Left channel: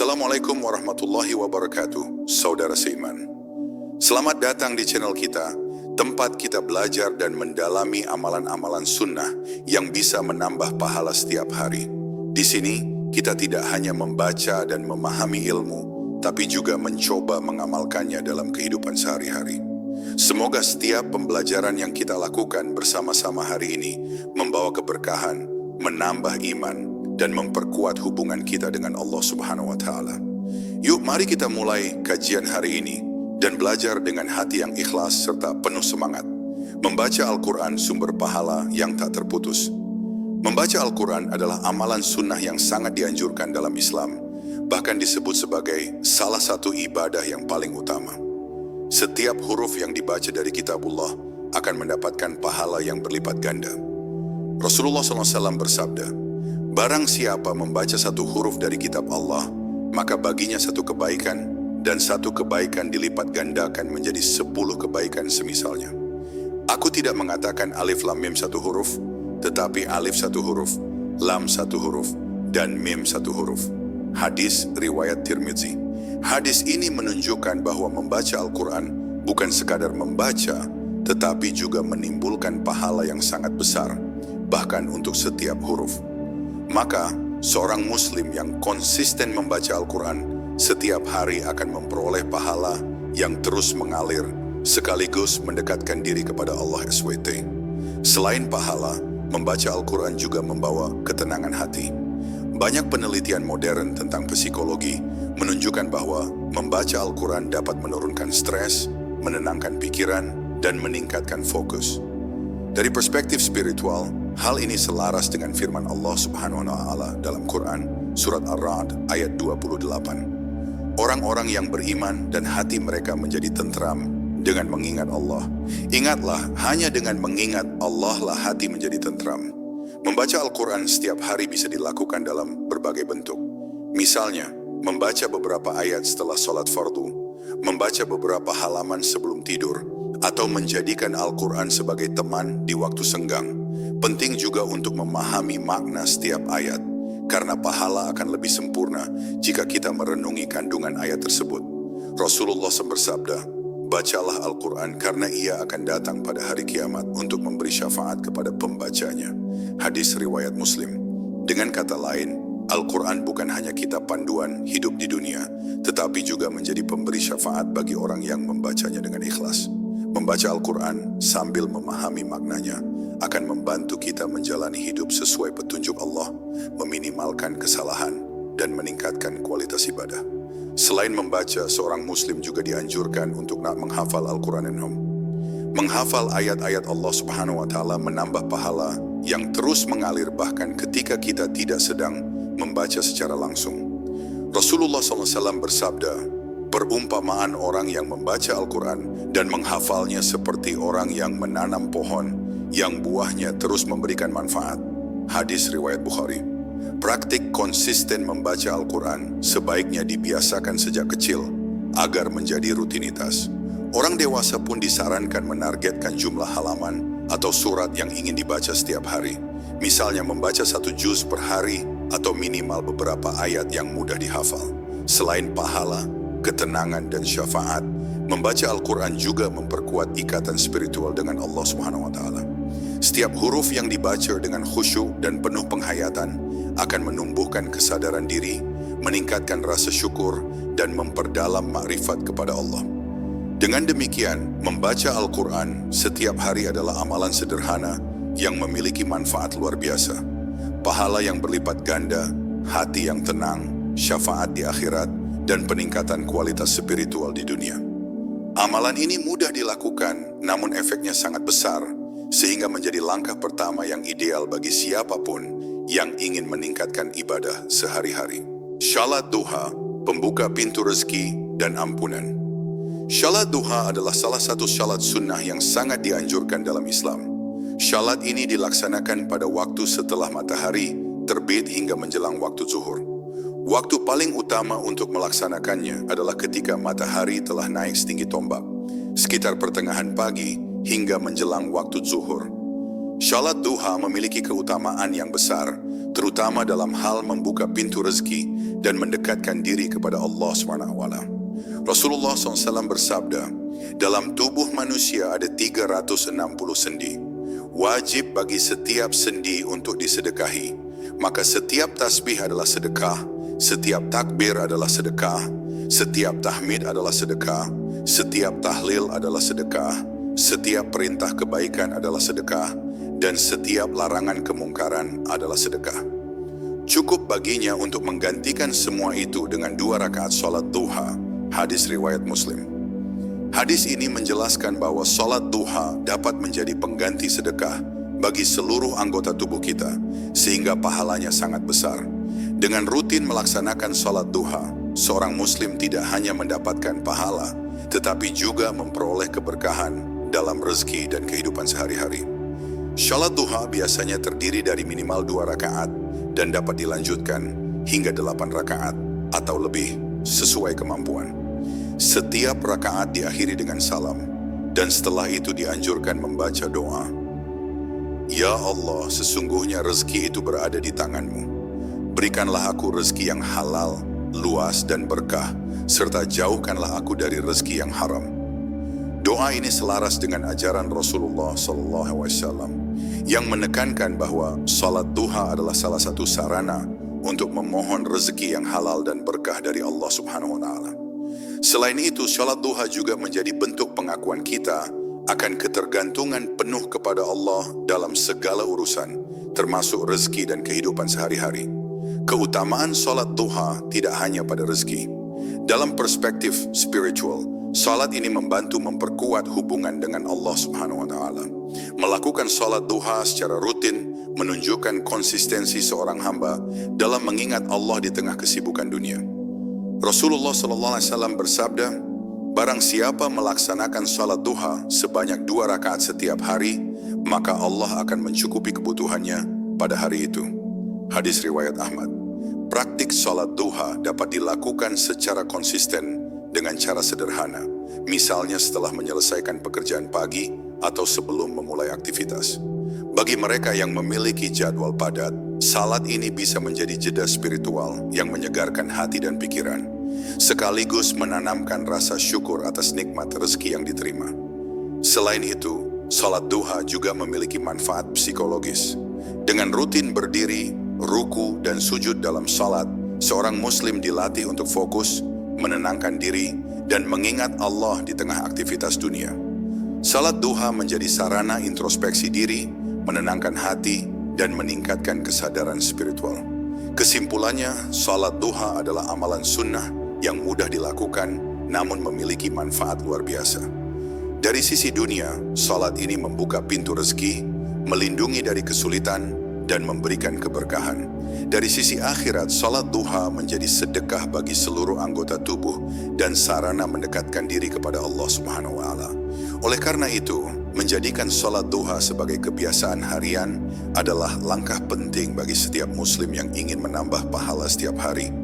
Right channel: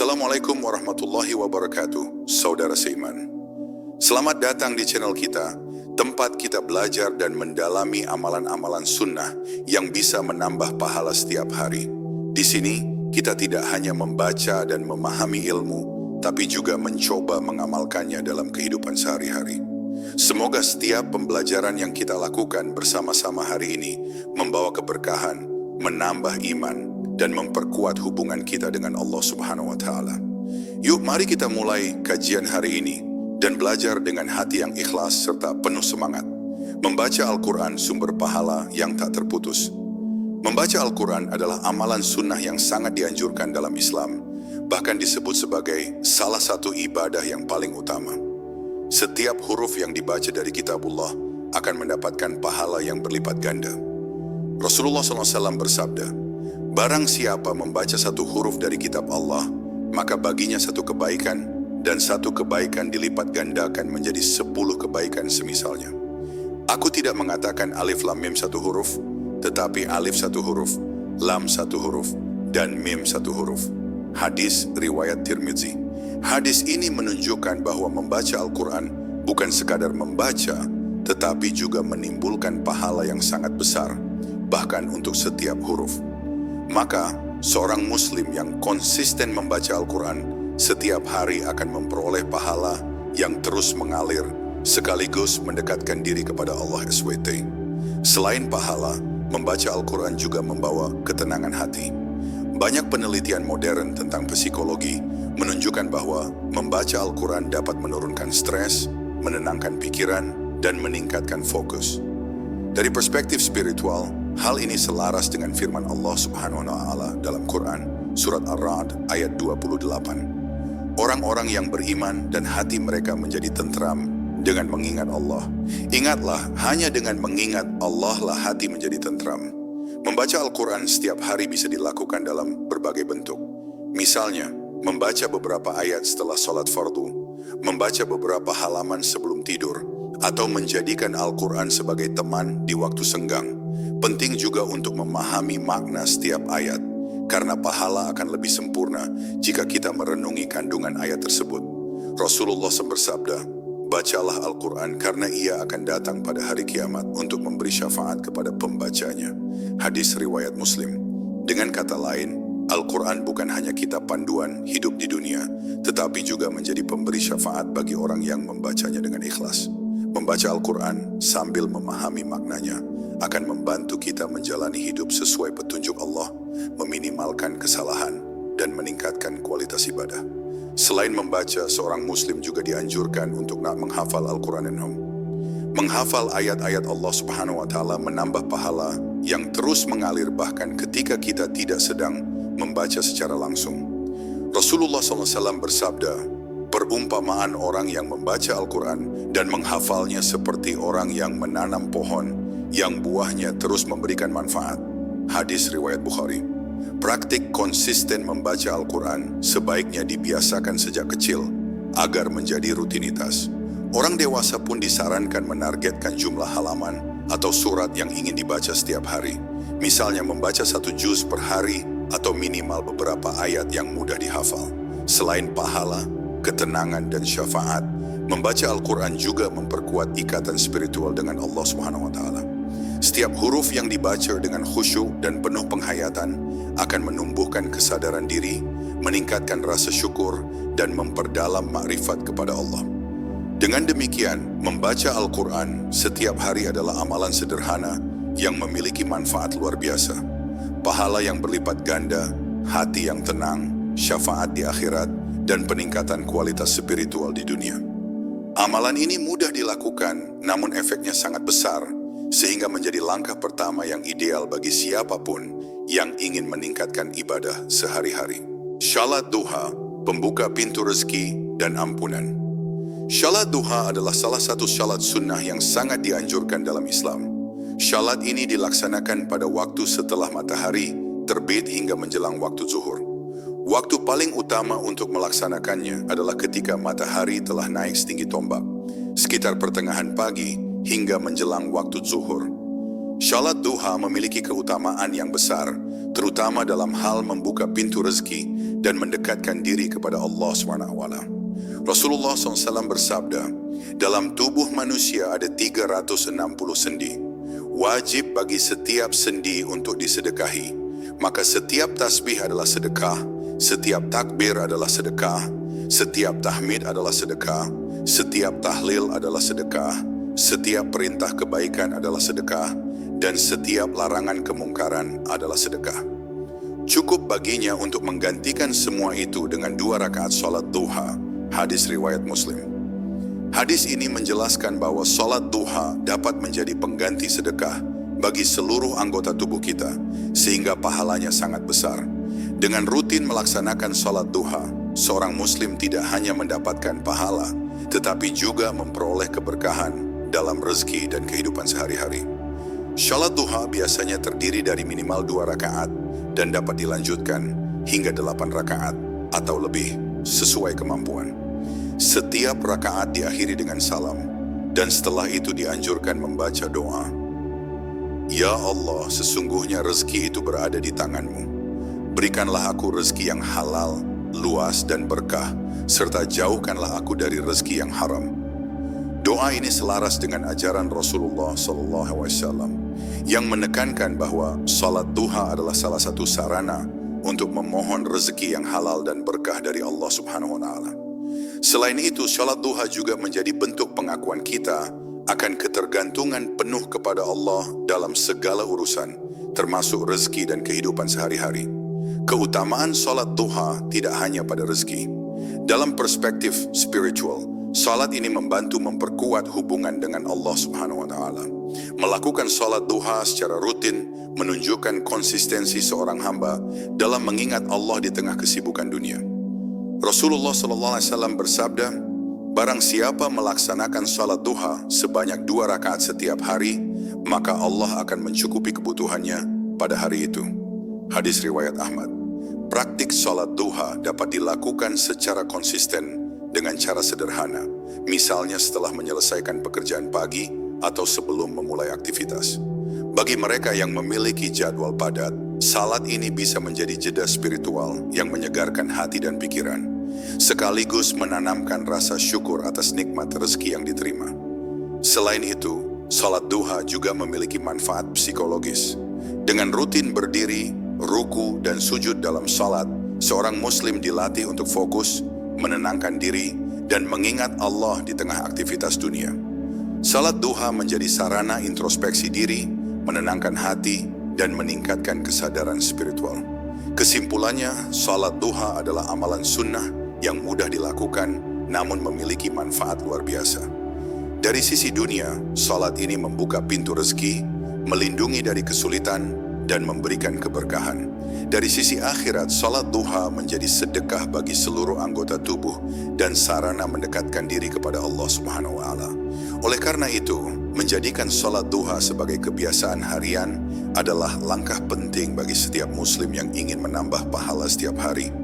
Assalamualaikum warahmatullahi wabarakatuh, saudara seiman. Selamat datang di channel kita, tempat kita belajar dan mendalami amalan-amalan sunnah yang bisa menambah pahala setiap hari. Di sini, kita tidak hanya membaca dan memahami ilmu, tapi juga mencoba mengamalkannya dalam kehidupan sehari-hari. Semoga setiap pembelajaran yang kita lakukan bersama-sama hari ini membawa keberkahan, menambah iman, dan memperkuat hubungan kita dengan Allah Subhanahu wa Ta'ala. Yuk, mari kita mulai kajian hari ini dan belajar dengan hati yang ikhlas serta penuh semangat. Membaca Al-Quran sumber pahala yang tak terputus. Membaca Al-Quran adalah amalan sunnah yang sangat dianjurkan dalam Islam, bahkan disebut sebagai salah satu ibadah yang paling utama. Setiap huruf yang dibaca dari kitabullah akan mendapatkan pahala yang berlipat ganda. Rasulullah SAW bersabda, "Barang siapa membaca satu huruf dari kitab Allah, maka baginya satu kebaikan, dan satu kebaikan dilipat gandakan menjadi 10 kebaikan semisalnya." Aku tidak mengatakan alif lam mim satu huruf, tetapi alif satu huruf, lam satu huruf, dan mim satu huruf. Hadis riwayat Tirmidzi. Hadis ini menunjukkan bahwa membaca Al-Quran bukan sekadar membaca, tetapi juga menimbulkan pahala yang sangat besar, bahkan untuk setiap huruf. Maka, seorang muslim yang konsisten membaca Al-Quran setiap hari akan memperoleh pahala yang terus mengalir, sekaligus mendekatkan diri kepada Allah SWT. Selain pahala, membaca Al-Quran juga membawa ketenangan hati. Banyak penelitian modern tentang psikologi menunjukkan bahwa membaca Al-Quran dapat menurunkan stres, menenangkan pikiran, dan meningkatkan fokus. Dari perspektif spiritual, hal ini selaras dengan firman Allah Subhanahu wa Ta'ala dalam Quran, surat Ar-Ra'd ayat 28. Orang-orang yang beriman dan hati mereka menjadi tentram dengan mengingat Allah. Ingatlah, hanya dengan mengingat Allah lah hati menjadi tentram. Membaca Al-Quran setiap hari bisa dilakukan dalam berbagai bentuk. Misalnya, membaca beberapa ayat setelah sholat fardu, membaca beberapa halaman sebelum tidur, atau menjadikan Al-Quran sebagai teman di waktu senggang. Penting juga untuk memahami makna setiap ayat, karena pahala akan lebih sempurna jika kita merenungi kandungan ayat tersebut. Rasulullah SAW bersabda, "Bacalah Al-Quran karena ia akan datang pada hari kiamat untuk memberi syafaat kepada pembacanya." Hadis riwayat Muslim. Dengan kata lain, Al-Quran bukan hanya kitab panduan hidup di dunia, tetapi juga menjadi pemberi syafaat bagi orang yang membacanya dengan ikhlas. Membaca Al-Quran sambil memahami maknanya akan membantu kita menjalani hidup sesuai petunjuk Allah, meminimalkan kesalahan, dan meningkatkan kualitas ibadah. Selain membaca, seorang muslim juga dianjurkan untuk menghafal Al-Quran. Menghafal ayat-ayat Allah Subhanahu wa Ta'ala menambah pahala yang terus mengalir bahkan ketika kita tidak sedang membaca secara langsung. Rasulullah SAW bersabda, "Perumpamaan orang yang membaca Al-Quran dan menghafalnya seperti orang yang menanam pohon yang buahnya terus memberikan manfaat." Hadis riwayat Bukhari. Praktik konsisten membaca Al-Quran sebaiknya dibiasakan sejak kecil agar menjadi rutinitas. Orang dewasa pun disarankan menargetkan jumlah halaman atau surat yang ingin dibaca setiap hari. Misalnya membaca 1 juz per hari atau minimal beberapa ayat yang mudah dihafal. Selain pahala, ketenangan, dan syafaat, membaca Al-Quran juga memperkuat ikatan spiritual dengan Allah Subhanahu wa Ta'ala. Setiap huruf yang dibaca dengan khusyuk dan penuh penghayatan akan menumbuhkan kesadaran diri, meningkatkan rasa syukur, dan memperdalam makrifat kepada Allah. Dengan demikian, membaca Al-Quran setiap hari adalah amalan sederhana yang memiliki manfaat luar biasa. Pahala yang berlipat ganda, hati yang tenang, syafaat di akhirat, dan peningkatan kualitas spiritual di dunia. Amalan ini mudah dilakukan, namun efeknya sangat besar, sehingga menjadi langkah pertama yang ideal bagi siapapun yang ingin meningkatkan ibadah sehari-hari. Shalat duha, pembuka pintu rezeki dan ampunan. Shalat duha adalah salah satu shalat sunnah yang sangat dianjurkan dalam Islam. Shalat ini dilaksanakan pada waktu setelah matahari terbit hingga menjelang waktu zuhur. Waktu paling utama untuk melaksanakannya adalah ketika matahari telah naik setinggi tombak, sekitar pertengahan pagi hingga menjelang waktu zuhur. Salat duha memiliki keutamaan yang besar, terutama dalam hal membuka pintu rezeki dan mendekatkan diri kepada Allah SWT. Rasulullah SAW bersabda, dalam tubuh manusia ada 360 sendi. Wajib bagi setiap sendi untuk disedekahi. Maka setiap tasbih adalah sedekah, setiap takbir adalah sedekah, setiap tahmid adalah sedekah, setiap tahlil adalah sedekah, setiap perintah kebaikan adalah sedekah, dan setiap larangan kemungkaran adalah sedekah. Cukup baginya untuk menggantikan semua itu dengan 2 rakaat salat duha. Hadis riwayat Muslim. Hadis ini menjelaskan bahwa salat duha dapat menjadi pengganti sedekah bagi seluruh anggota tubuh kita, sehingga pahalanya sangat besar. Dengan rutin melaksanakan salat duha, seorang muslim tidak hanya mendapatkan pahala, tetapi juga memperoleh keberkahan dalam rezeki dan kehidupan sehari-hari. Salat duha biasanya terdiri dari minimal 2 rakaat dan dapat dilanjutkan hingga 8 rakaat atau lebih sesuai kemampuan. Setiap rakaat diakhiri dengan salam, dan setelah itu dianjurkan membaca doa. Ya Allah, sesungguhnya rezeki itu berada di tangan-Mu. Berikanlah aku rezeki yang halal, luas dan berkah, serta jauhkanlah aku dari rezeki yang haram. Doa ini selaras dengan ajaran Rasulullah SAW yang menekankan bahwa salat duha adalah salah satu sarana untuk memohon rezeki yang halal dan berkah dari Allah Subhanahu wa Ta'ala. Selain itu, salat duha juga menjadi bentuk pengakuan kita akan ketergantungan penuh kepada Allah dalam segala urusan, termasuk rezeki dan kehidupan sehari-hari. Keutamaan salat duha tidak hanya pada rezeki. Dalam perspektif spiritual, salat ini membantu memperkuat hubungan dengan Allah Subhanahu wa Ta'ala. Melakukan salat duha secara rutin menunjukkan konsistensi seorang hamba dalam mengingat Allah di tengah kesibukan dunia. Rasulullah SAW bersabda, barang siapa melaksanakan salat duha sebanyak 2 rakaat setiap hari, maka Allah akan mencukupi kebutuhannya pada hari itu. Hadis riwayat Ahmad. Praktik salat duha dapat dilakukan secara konsisten dengan cara sederhana, misalnya setelah menyelesaikan pekerjaan pagi atau sebelum memulai aktivitas. Bagi mereka yang memiliki jadwal padat, salat ini bisa menjadi jeda spiritual yang menyegarkan hati dan pikiran, sekaligus menanamkan rasa syukur atas nikmat rezeki yang diterima. Selain itu, salat duha juga memiliki manfaat psikologis. Dengan rutin berdiri, ruku, dan sujud dalam salat, seorang muslim dilatih untuk fokus, menenangkan diri, dan mengingat Allah di tengah aktivitas dunia. Salat duha menjadi sarana introspeksi diri, menenangkan hati, dan meningkatkan kesadaran spiritual. Kesimpulannya, salat duha adalah amalan sunnah yang mudah dilakukan, namun memiliki manfaat luar biasa. Dari sisi dunia, salat ini membuka pintu rezeki, melindungi dari kesulitan, dan memberikan keberkahan. Dari sisi akhirat, salat duha menjadi sedekah bagi seluruh anggota tubuh dan sarana mendekatkan diri kepada Allah Subhanahu wa Ta'ala. Oleh karena itu, menjadikan salat duha sebagai kebiasaan harian adalah langkah penting bagi setiap muslim yang ingin menambah pahala setiap hari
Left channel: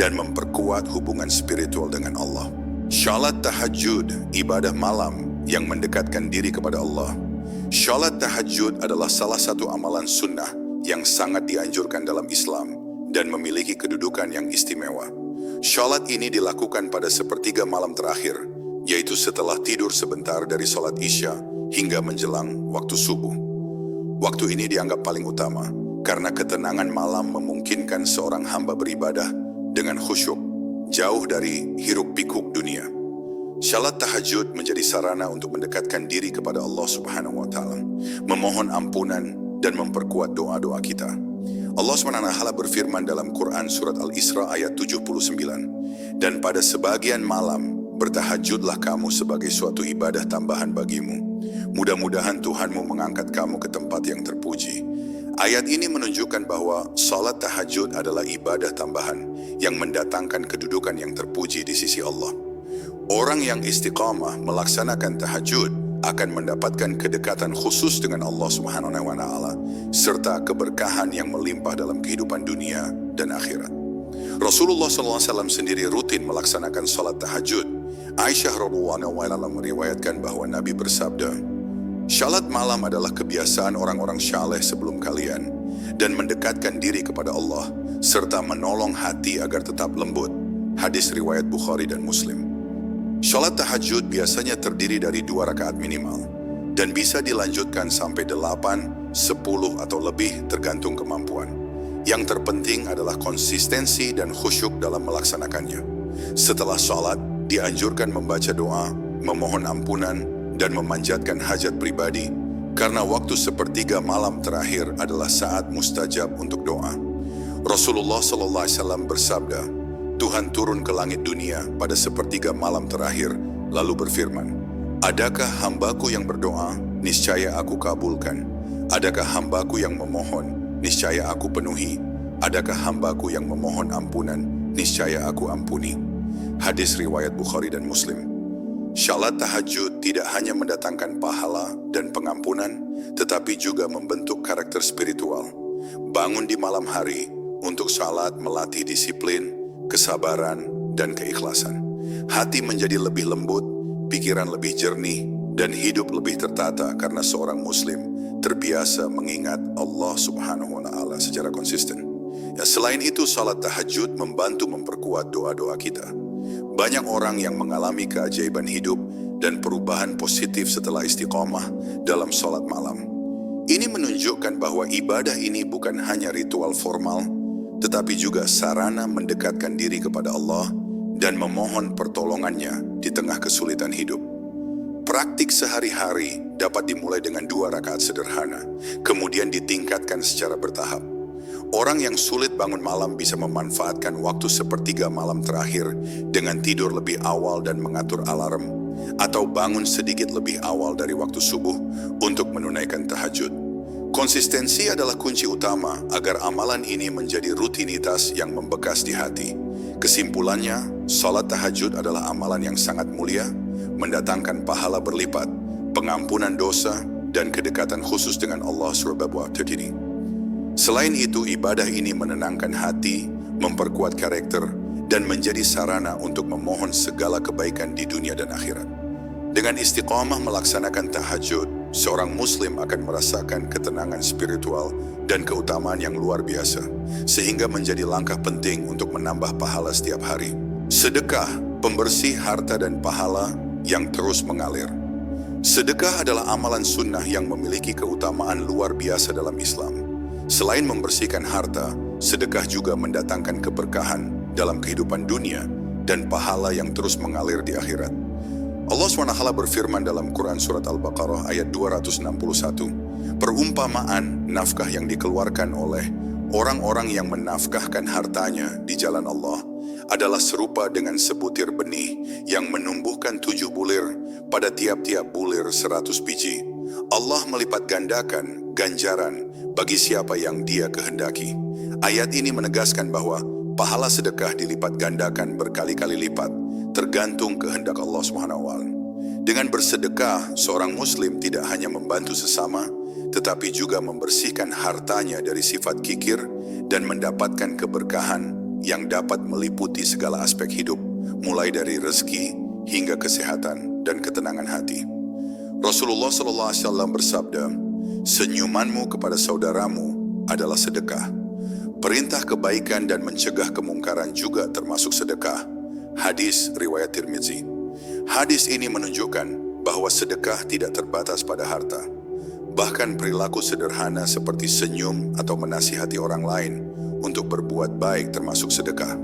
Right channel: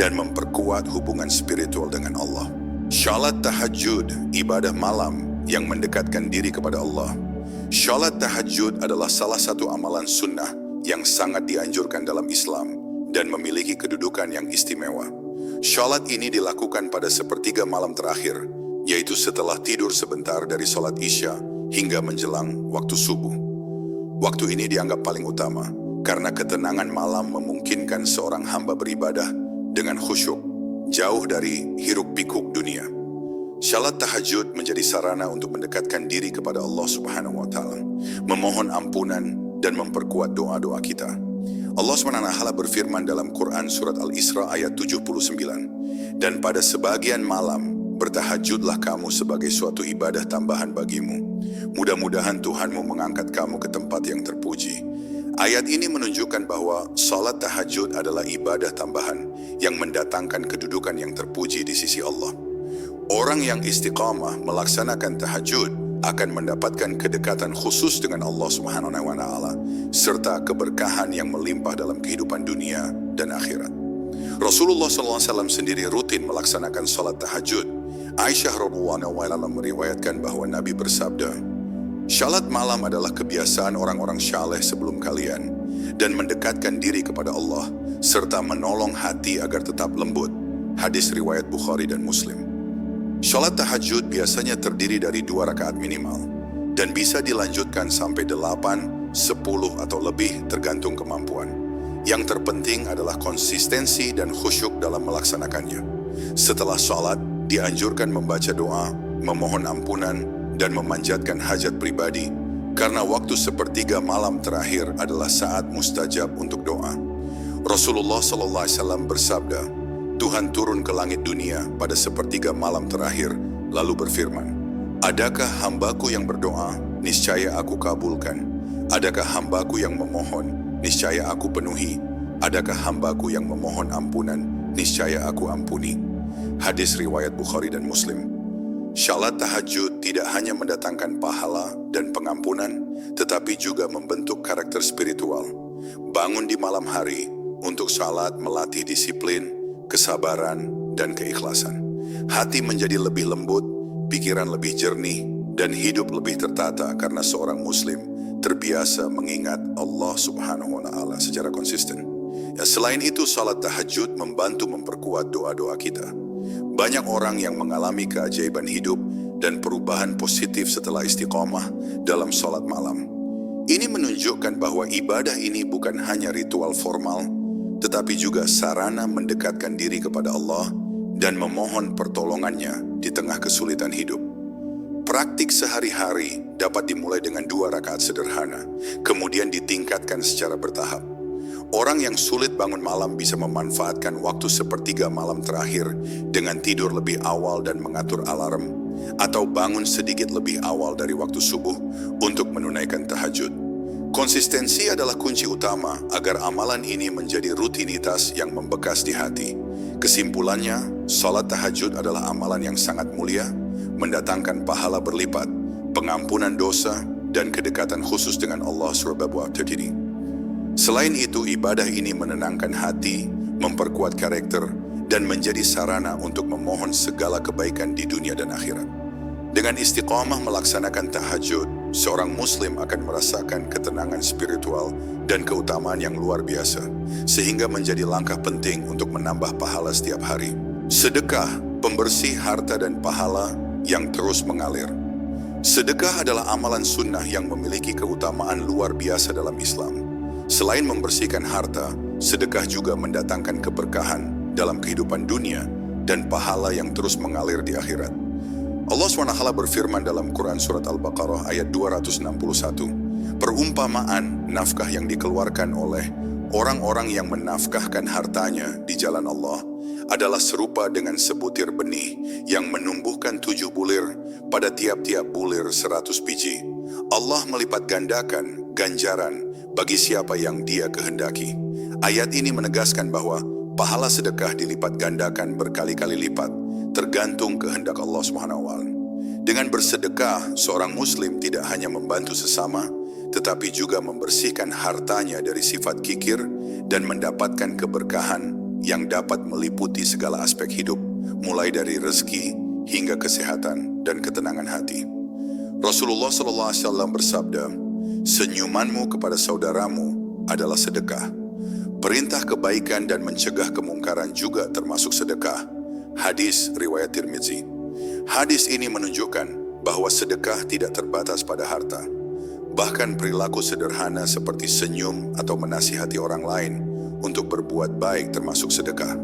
dan memperkuat hubungan spiritual dengan Allah. Salat tahajud, ibadah malam yang mendekatkan diri kepada Allah. Salat tahajud adalah salah satu amalan sunnah yang sangat dianjurkan dalam Islam dan memiliki kedudukan yang istimewa. Salat ini dilakukan pada sepertiga malam terakhir, yaitu setelah tidur sebentar dari salat Isya hingga menjelang waktu subuh. Waktu ini dianggap paling utama karena ketenangan malam memungkinkan seorang hamba beribadah dengan khusyuk, jauh dari hiruk-pikuk dunia. Salat tahajud menjadi sarana untuk mendekatkan diri kepada Allah Subhanahu wa Ta'ala, memohon ampunan dan memperkuat doa-doa kita. Allah SWT berfirman dalam Quran surat Al-Isra ayat 79, dan pada sebagian malam bertahajudlah kamu sebagai suatu ibadah tambahan bagimu. Mudah-mudahan Tuhanmu mengangkat kamu ke tempat yang terpuji. Ayat ini menunjukkan bahwa salat tahajud adalah ibadah tambahan yang mendatangkan kedudukan yang terpuji di sisi Allah. Orang yang istiqamah melaksanakan tahajud akan mendapatkan kedekatan khusus dengan Allah Subhanahu wa Ta'ala serta keberkahan yang melimpah dalam kehidupan dunia dan akhirat. Rasulullah SAW sendiri rutin melaksanakan salat tahajud. Aisyah radhiyallahu anha meriwayatkan bahwa Nabi bersabda, Salat malam adalah kebiasaan orang-orang saleh sebelum kalian dan mendekatkan diri kepada Allah serta menolong hati agar tetap lembut. Hadis riwayat Bukhari dan Muslim. Salat tahajud biasanya terdiri dari 2 rakaat minimal dan bisa dilanjutkan sampai 8, 10 atau lebih tergantung kemampuan. Yang terpenting adalah konsistensi dan khusyuk dalam melaksanakannya. Setelah salat, dianjurkan membaca doa, memohon ampunan, dan memanjatkan hajat pribadi, karena waktu sepertiga malam terakhir adalah saat mustajab untuk doa. Rasulullah SAW bersabda, Tuhan turun ke langit dunia pada sepertiga malam terakhir, lalu berfirman, adakah hambaku yang berdoa, niscaya aku kabulkan. Adakah hambaku yang memohon, niscaya aku penuhi. Adakah hambaku yang memohon ampunan, niscaya aku ampuni. Hadis riwayat Bukhari dan Muslim. Salat tahajud tidak hanya mendatangkan pahala dan pengampunan, tetapi juga membentuk karakter spiritual. Bangun di malam hari untuk salat melatih disiplin, kesabaran, dan keikhlasan. Hati menjadi lebih lembut, pikiran lebih jernih, dan hidup lebih tertata karena seorang muslim terbiasa mengingat Allah Subhanahu wa Ta'ala secara konsisten. Ya, selain itu, salat tahajud membantu memperkuat doa-doa kita. Banyak orang yang mengalami keajaiban hidup dan perubahan positif setelah istiqomah dalam salat malam. Ini menunjukkan bahwa ibadah ini bukan hanya ritual formal, tetapi juga sarana mendekatkan diri kepada Allah dan memohon pertolongannya di tengah kesulitan hidup. Praktik sehari-hari dapat dimulai dengan 2 rakaat sederhana, kemudian ditingkatkan secara bertahap. Orang yang sulit bangun malam bisa memanfaatkan waktu sepertiga malam terakhir dengan tidur lebih awal dan mengatur alarm, atau bangun sedikit lebih awal dari waktu subuh untuk menunaikan tahajud. Konsistensi adalah kunci utama agar amalan ini menjadi rutinitas yang membekas di hati. Kesimpulannya, salat tahajud adalah amalan yang sangat mulia, mendatangkan pahala berlipat, pengampunan dosa, dan kedekatan khusus dengan Allah Subhanahu wa Ta'ala. Selain itu, ibadah ini menenangkan hati, memperkuat karakter, dan menjadi sarana untuk memohon segala kebaikan di dunia dan akhirat. Dengan istiqamah melaksanakan tahajud, seorang muslim akan merasakan ketenangan spiritual dan keutamaan yang luar biasa, sehingga menjadi langkah penting untuk menambah pahala setiap hari. Sedekah, pembersih harta dan pahala yang terus mengalir. Sedekah adalah amalan sunnah yang memiliki keutamaan luar biasa dalam Islam. Selain membersihkan harta, sedekah juga mendatangkan keberkahan dalam kehidupan dunia dan pahala yang terus mengalir di akhirat. Allah SWT berfirman dalam Quran Surat Al-Baqarah ayat 261, perumpamaan nafkah yang dikeluarkan oleh orang-orang yang menafkahkan hartanya di jalan Allah adalah serupa dengan sebutir benih yang menumbuhkan 7 bulir, pada tiap-tiap bulir 100 biji. Allah melipat gandakan ganjaran bagi siapa yang Dia kehendaki. Ayat ini menegaskan bahwa pahala sedekah dilipat gandakan berkali-kali lipat, tergantung kehendak Allah SWT. Dengan bersedekah, seorang muslim tidak hanya membantu sesama, tetapi juga membersihkan hartanya dari sifat kikir dan mendapatkan keberkahan yang dapat meliputi segala aspek hidup, mulai dari rezeki hingga kesehatan dan ketenangan hati. Rasulullah SAW bersabda, senyumanmu kepada saudaramu adalah sedekah. Perintah kebaikan dan mencegah kemungkaran juga termasuk sedekah. Hadis riwayat Tirmizi. Hadis ini menunjukkan bahwa sedekah tidak terbatas pada harta. Bahkan perilaku sederhana seperti senyum atau menasihati orang lain untuk berbuat baik termasuk sedekah.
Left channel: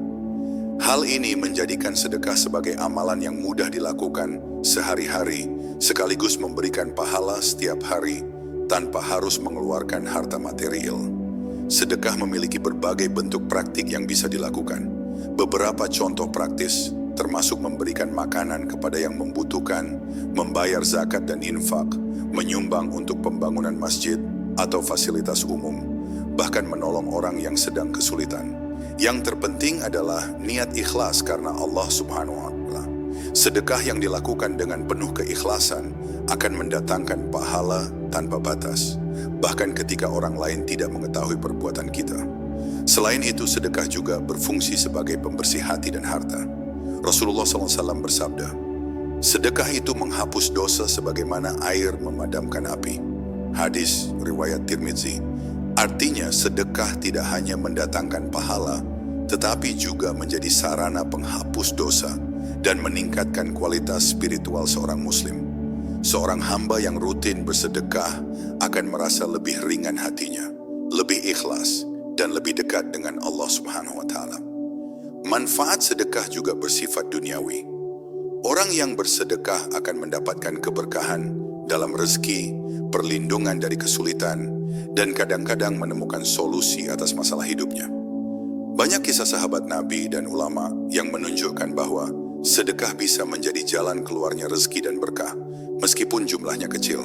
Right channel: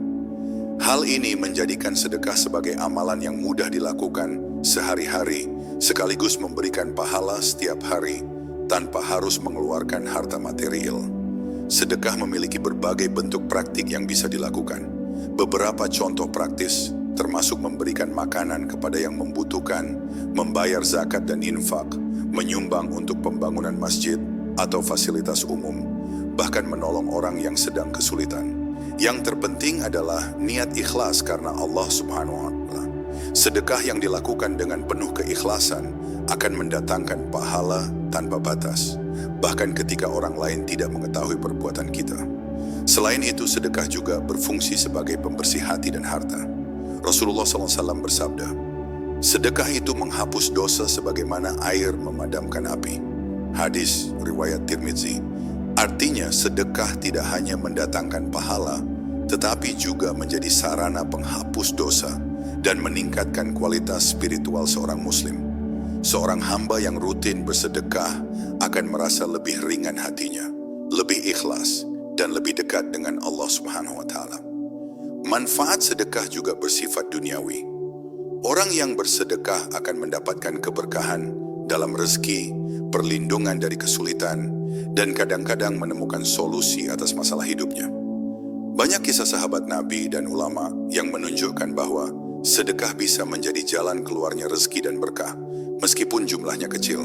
Hal ini menjadikan sedekah sebagai amalan yang mudah dilakukan sehari-hari, sekaligus memberikan pahala setiap hari tanpa harus mengeluarkan harta material. Sedekah memiliki berbagai bentuk praktik yang bisa dilakukan. Beberapa contoh praktis termasuk memberikan makanan kepada yang membutuhkan, membayar zakat dan infak, menyumbang untuk pembangunan masjid atau fasilitas umum, bahkan menolong orang yang sedang kesulitan. Yang terpenting adalah niat ikhlas karena Allah Subhanahu wa Ta'ala. Sedekah yang dilakukan dengan penuh keikhlasan akan mendatangkan pahala tanpa batas, bahkan ketika orang lain tidak mengetahui perbuatan kita. Selain itu, sedekah juga berfungsi sebagai pembersih hati dan harta. Rasulullah SAW bersabda, Sedekah itu menghapus dosa sebagaimana air memadamkan api. Hadis riwayat Tirmidzi. Artinya sedekah tidak hanya mendatangkan pahala, tetapi juga menjadi sarana penghapus dosa dan meningkatkan kualitas spiritual seorang muslim. Seorang hamba yang rutin bersedekah akan merasa lebih ringan hatinya, lebih ikhlas, dan lebih dekat dengan Allah Subhanahu wa Ta'ala. Manfaat sedekah juga bersifat duniawi. Orang yang bersedekah akan mendapatkan keberkahan dalam rezeki, perlindungan dari kesulitan, dan kadang-kadang menemukan solusi atas masalah hidupnya. Banyak kisah sahabat Nabi dan ulama yang menunjukkan bahwa sedekah bisa menjadi jalan keluarnya rezeki dan berkah, meskipun jumlahnya kecil.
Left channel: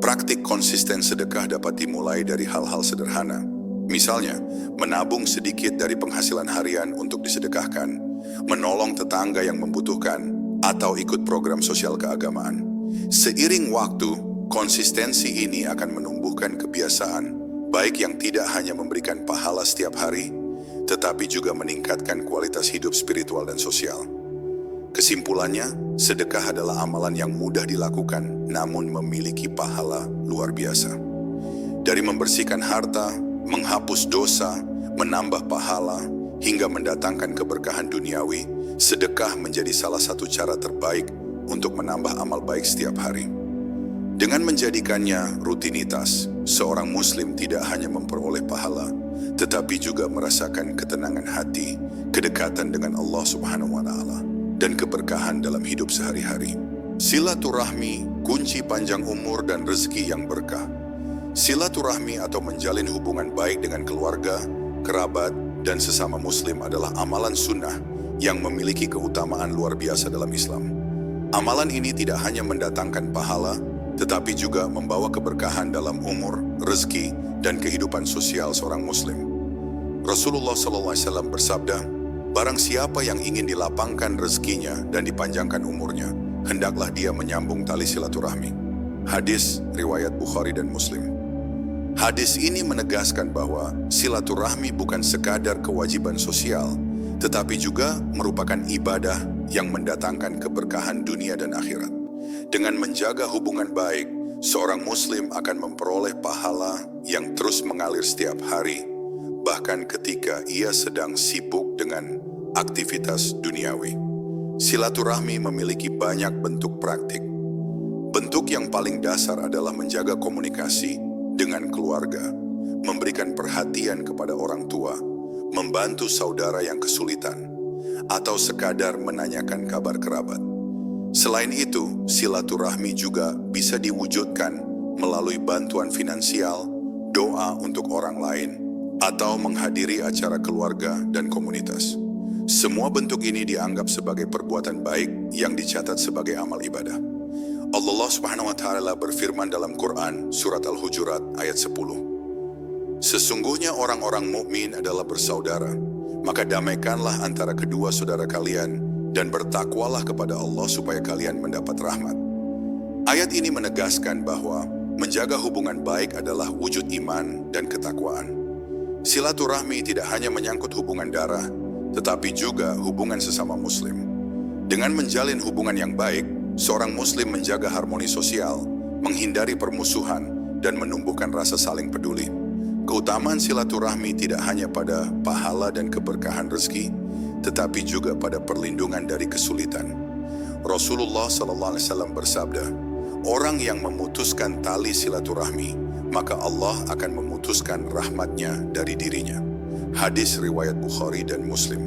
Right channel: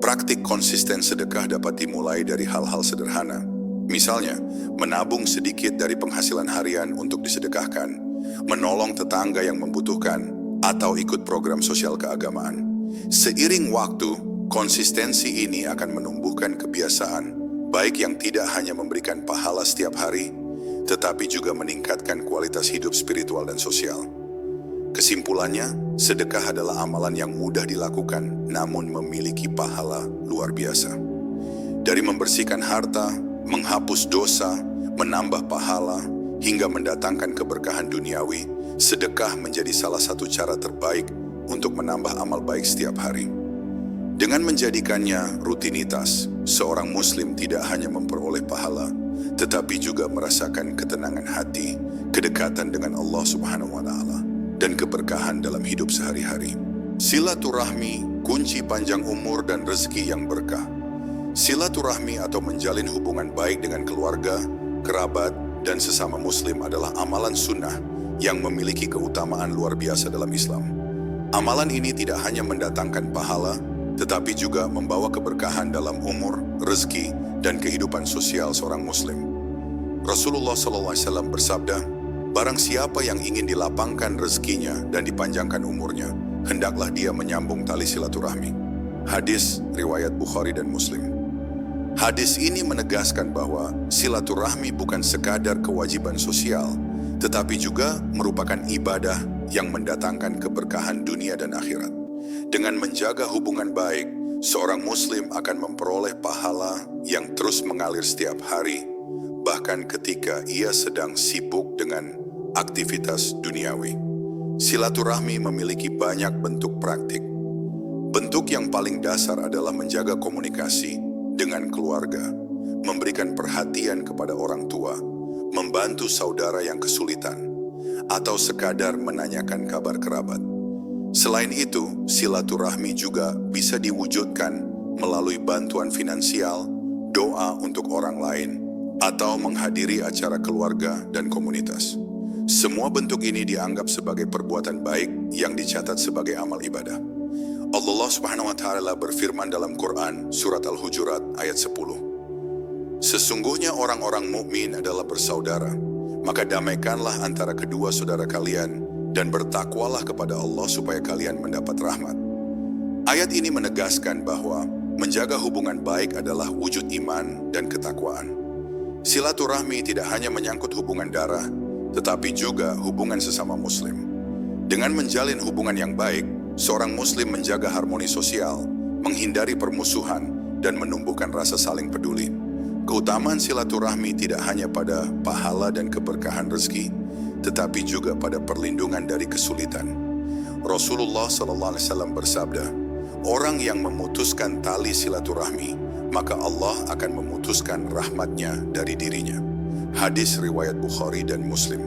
Praktik konsisten sedekah dapat dimulai dari hal-hal sederhana. Misalnya, menabung sedikit dari penghasilan harian untuk disedekahkan, menolong tetangga yang membutuhkan, atau ikut program sosial keagamaan. Seiring waktu, konsistensi ini akan menumbuhkan kebiasaan, baik yang tidak hanya memberikan pahala setiap hari, tetapi juga meningkatkan kualitas hidup spiritual dan sosial. Kesimpulannya, sedekah adalah amalan yang mudah dilakukan, namun memiliki pahala luar biasa. Dari membersihkan harta, menghapus dosa, menambah pahala, hingga mendatangkan keberkahan duniawi, sedekah menjadi salah satu cara terbaik untuk menambah amal baik setiap hari. Dengan menjadikannya rutinitas, seorang muslim tidak hanya memperoleh pahala, tetapi juga merasakan ketenangan hati, kedekatan dengan Allah Subhanahu wa Ta'ala, dan keberkahan dalam hidup sehari-hari. Silaturahmi, kunci panjang umur dan rezeki yang berkah. Silaturahmi atau menjalin hubungan baik dengan keluarga, kerabat, dan sesama muslim adalah amalan sunnah yang memiliki keutamaan luar biasa dalam Islam. Amalan ini tidak hanya mendatangkan pahala, tetapi juga membawa keberkahan dalam umur, rezeki, dan kehidupan sosial seorang muslim. Rasulullah SAW bersabda, "Barang siapa yang ingin dilapangkan rezekinya dan dipanjangkan umurnya, hendaklah dia menyambung tali silaturahmi." Hadis riwayat Bukhari dan Muslim. Hadis ini menegaskan bahwa silaturahmi bukan sekadar kewajiban sosial, tetapi juga merupakan ibadah yang mendatangkan keberkahan dunia dan akhirat. Dengan menjaga hubungan baik, seorang muslim akan memperoleh pahala yang terus mengalir setiap hari, bahkan ketika ia sedang sibuk dengan aktivitas duniawi. Silaturahmi memiliki banyak bentuk praktik. Bentuk yang paling dasar adalah menjaga komunikasi dengan keluarga, memberikan perhatian kepada orang tua, membantu saudara yang kesulitan, atau sekadar menanyakan kabar kerabat. Selain itu, silaturahmi juga bisa diwujudkan melalui bantuan finansial, doa untuk orang lain, atau menghadiri acara keluarga dan komunitas. Semua bentuk ini dianggap sebagai perbuatan baik yang dicatat sebagai amal ibadah. Allah Subhanahu wa Ta'ala berfirman dalam Quran surat Al-Hujurat ayat 10. Sesungguhnya orang-orang mukmin adalah bersaudara, maka damaikanlah antara kedua saudara kalian dan bertakwalah kepada Allah supaya kalian mendapat rahmat. Ayat ini menegaskan bahwa menjaga hubungan baik adalah wujud iman dan ketakwaan. Silaturahmi tidak hanya menyangkut hubungan darah, tetapi juga hubungan sesama muslim. Dengan menjalin hubungan yang baik, seorang muslim menjaga harmoni sosial, menghindari permusuhan, dan menumbuhkan rasa saling peduli. Keutamaan silaturahmi tidak hanya pada pahala dan keberkahan rezeki, tetapi juga pada perlindungan dari kesulitan. Rasulullah SAW bersabda, "Orang yang memutuskan tali silaturahmi, maka Allah akan memutuskan rahmatnya dari dirinya." Hadis riwayat Bukhari dan Muslim.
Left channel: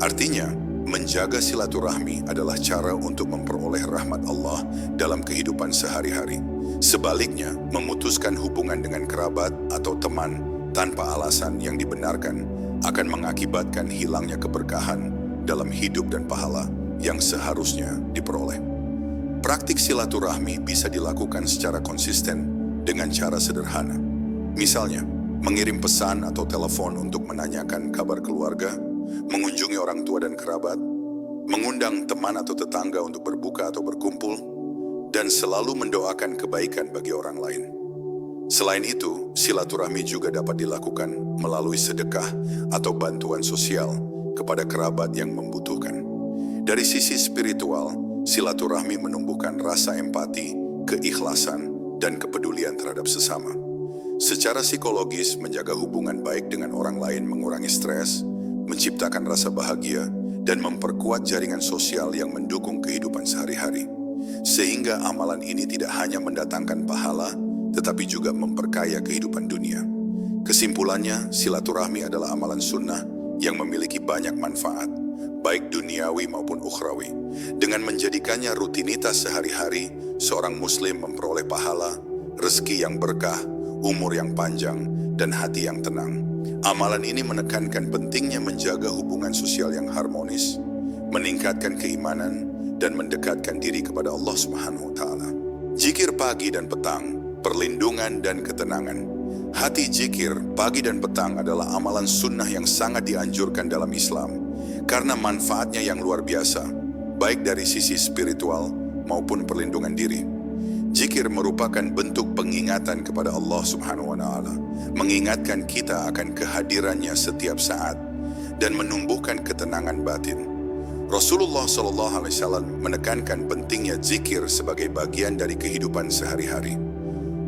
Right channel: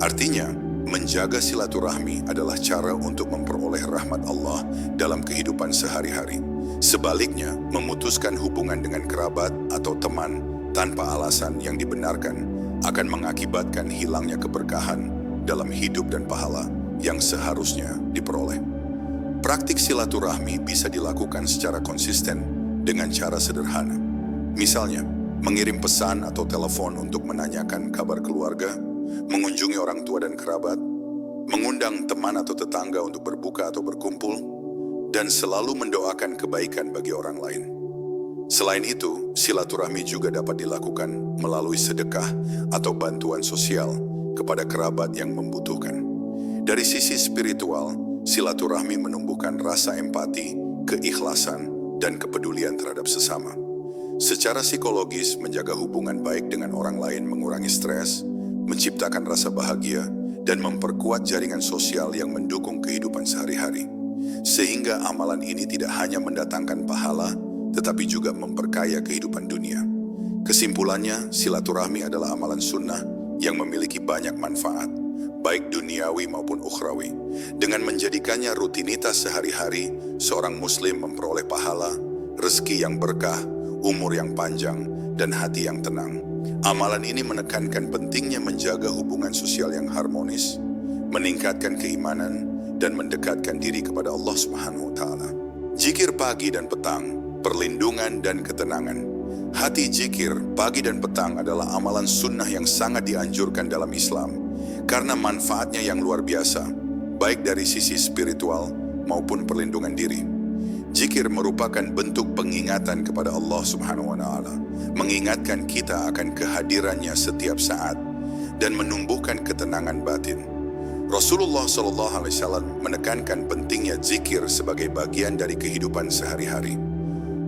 Artinya, menjaga silaturahmi adalah cara untuk memperoleh rahmat Allah dalam kehidupan sehari-hari. Sebaliknya, memutuskan hubungan dengan kerabat atau teman tanpa alasan yang dibenarkan akan mengakibatkan hilangnya keberkahan dalam hidup dan pahala yang seharusnya diperoleh. Praktik silaturahmi bisa dilakukan secara konsisten dengan cara sederhana. Misalnya, mengirim pesan atau telepon untuk menanyakan kabar keluarga, mengunjungi orang tua dan kerabat, mengundang teman atau tetangga untuk berbuka atau berkumpul, dan selalu mendoakan kebaikan bagi orang lain. Selain itu, silaturahmi juga dapat dilakukan melalui sedekah atau bantuan sosial kepada kerabat yang membutuhkan. Dari sisi spiritual, silaturahmi menumbuhkan rasa empati, keikhlasan, dan kepedulian terhadap sesama. Secara psikologis, menjaga hubungan baik dengan orang lain mengurangi stres, menciptakan rasa bahagia, dan memperkuat jaringan sosial yang mendukung kehidupan sehari-hari. Sehingga amalan ini tidak hanya mendatangkan pahala, tetapi juga memperkaya kehidupan dunia. Kesimpulannya, silaturahmi adalah amalan sunnah yang memiliki banyak manfaat, baik duniawi maupun ukhrawi. Dengan menjadikannya rutinitas sehari-hari, seorang muslim memperoleh pahala, rezeki yang berkah, umur yang panjang, dan hati yang tenang. Amalan ini menekankan pentingnya menjaga hubungan sosial yang harmonis, meningkatkan keimanan, dan mendekatkan diri kepada Allah Subhanahu wa Ta'ala. Zikir pagi dan petang, perlindungan dan ketenangan. Hati zikir pagi dan petang adalah amalan sunnah yang sangat dianjurkan dalam Islam, karena manfaatnya yang luar biasa, baik dari sisi spiritual maupun perlindungan diri. Zikir merupakan bentuk pengingatan kepada Allah Subhanahu wa Ta'ala, mengingatkan kita akan kehadirannya setiap saat dan menumbuhkan ketenangan batin. Rasulullah SAW menekankan pentingnya zikir sebagai bagian dari kehidupan sehari-hari.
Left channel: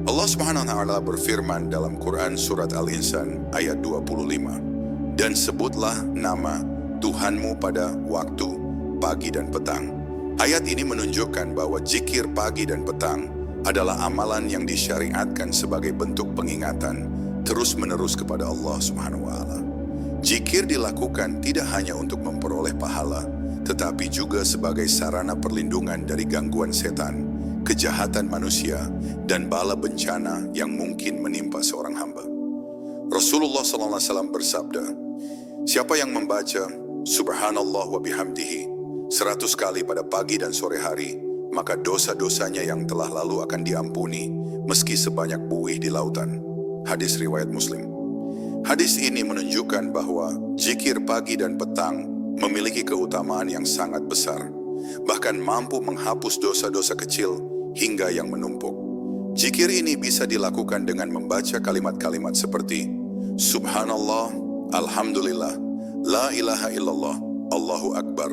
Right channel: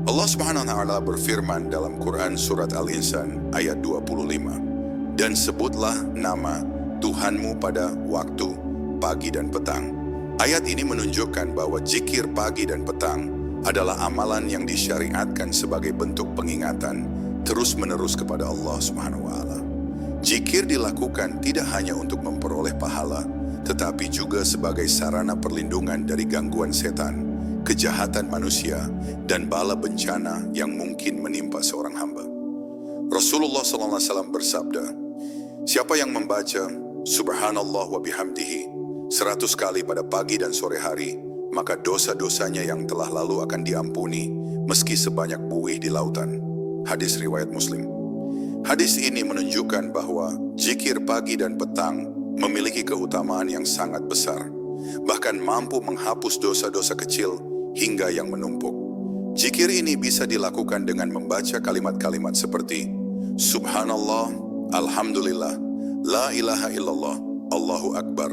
Allah Subhanahu wa Ta'ala berfirman dalam Quran Surat Al-Insan ayat 25, "Dan sebutlah nama Tuhanmu pada waktu pagi dan petang." Ayat ini menunjukkan bahwa zikir pagi dan petang adalah amalan yang disyariatkan sebagai bentuk pengingatan terus-menerus kepada Allah Subhanahu wa Ta'ala. Zikir dilakukan tidak hanya untuk memperoleh pahala, tetapi juga sebagai sarana perlindungan dari gangguan setan, kejahatan manusia, dan bala bencana yang mungkin menimpa seorang hamba. Rasulullah SAW bersabda, "Siapa yang membaca Subhanallah wa bihamdihi 100 kali pada pagi dan sore hari, maka dosa-dosanya yang telah lalu akan diampuni, meski sebanyak buih di lautan." Hadis riwayat Muslim. Hadis ini menunjukkan bahwa zikir pagi dan petang memiliki keutamaan yang sangat besar, bahkan mampu menghapus dosa-dosa kecil hingga yang menumpuk. Zikir ini bisa dilakukan dengan membaca kalimat-kalimat seperti Subhanallah, Alhamdulillah, La ilaha illallah, Allahu Akbar,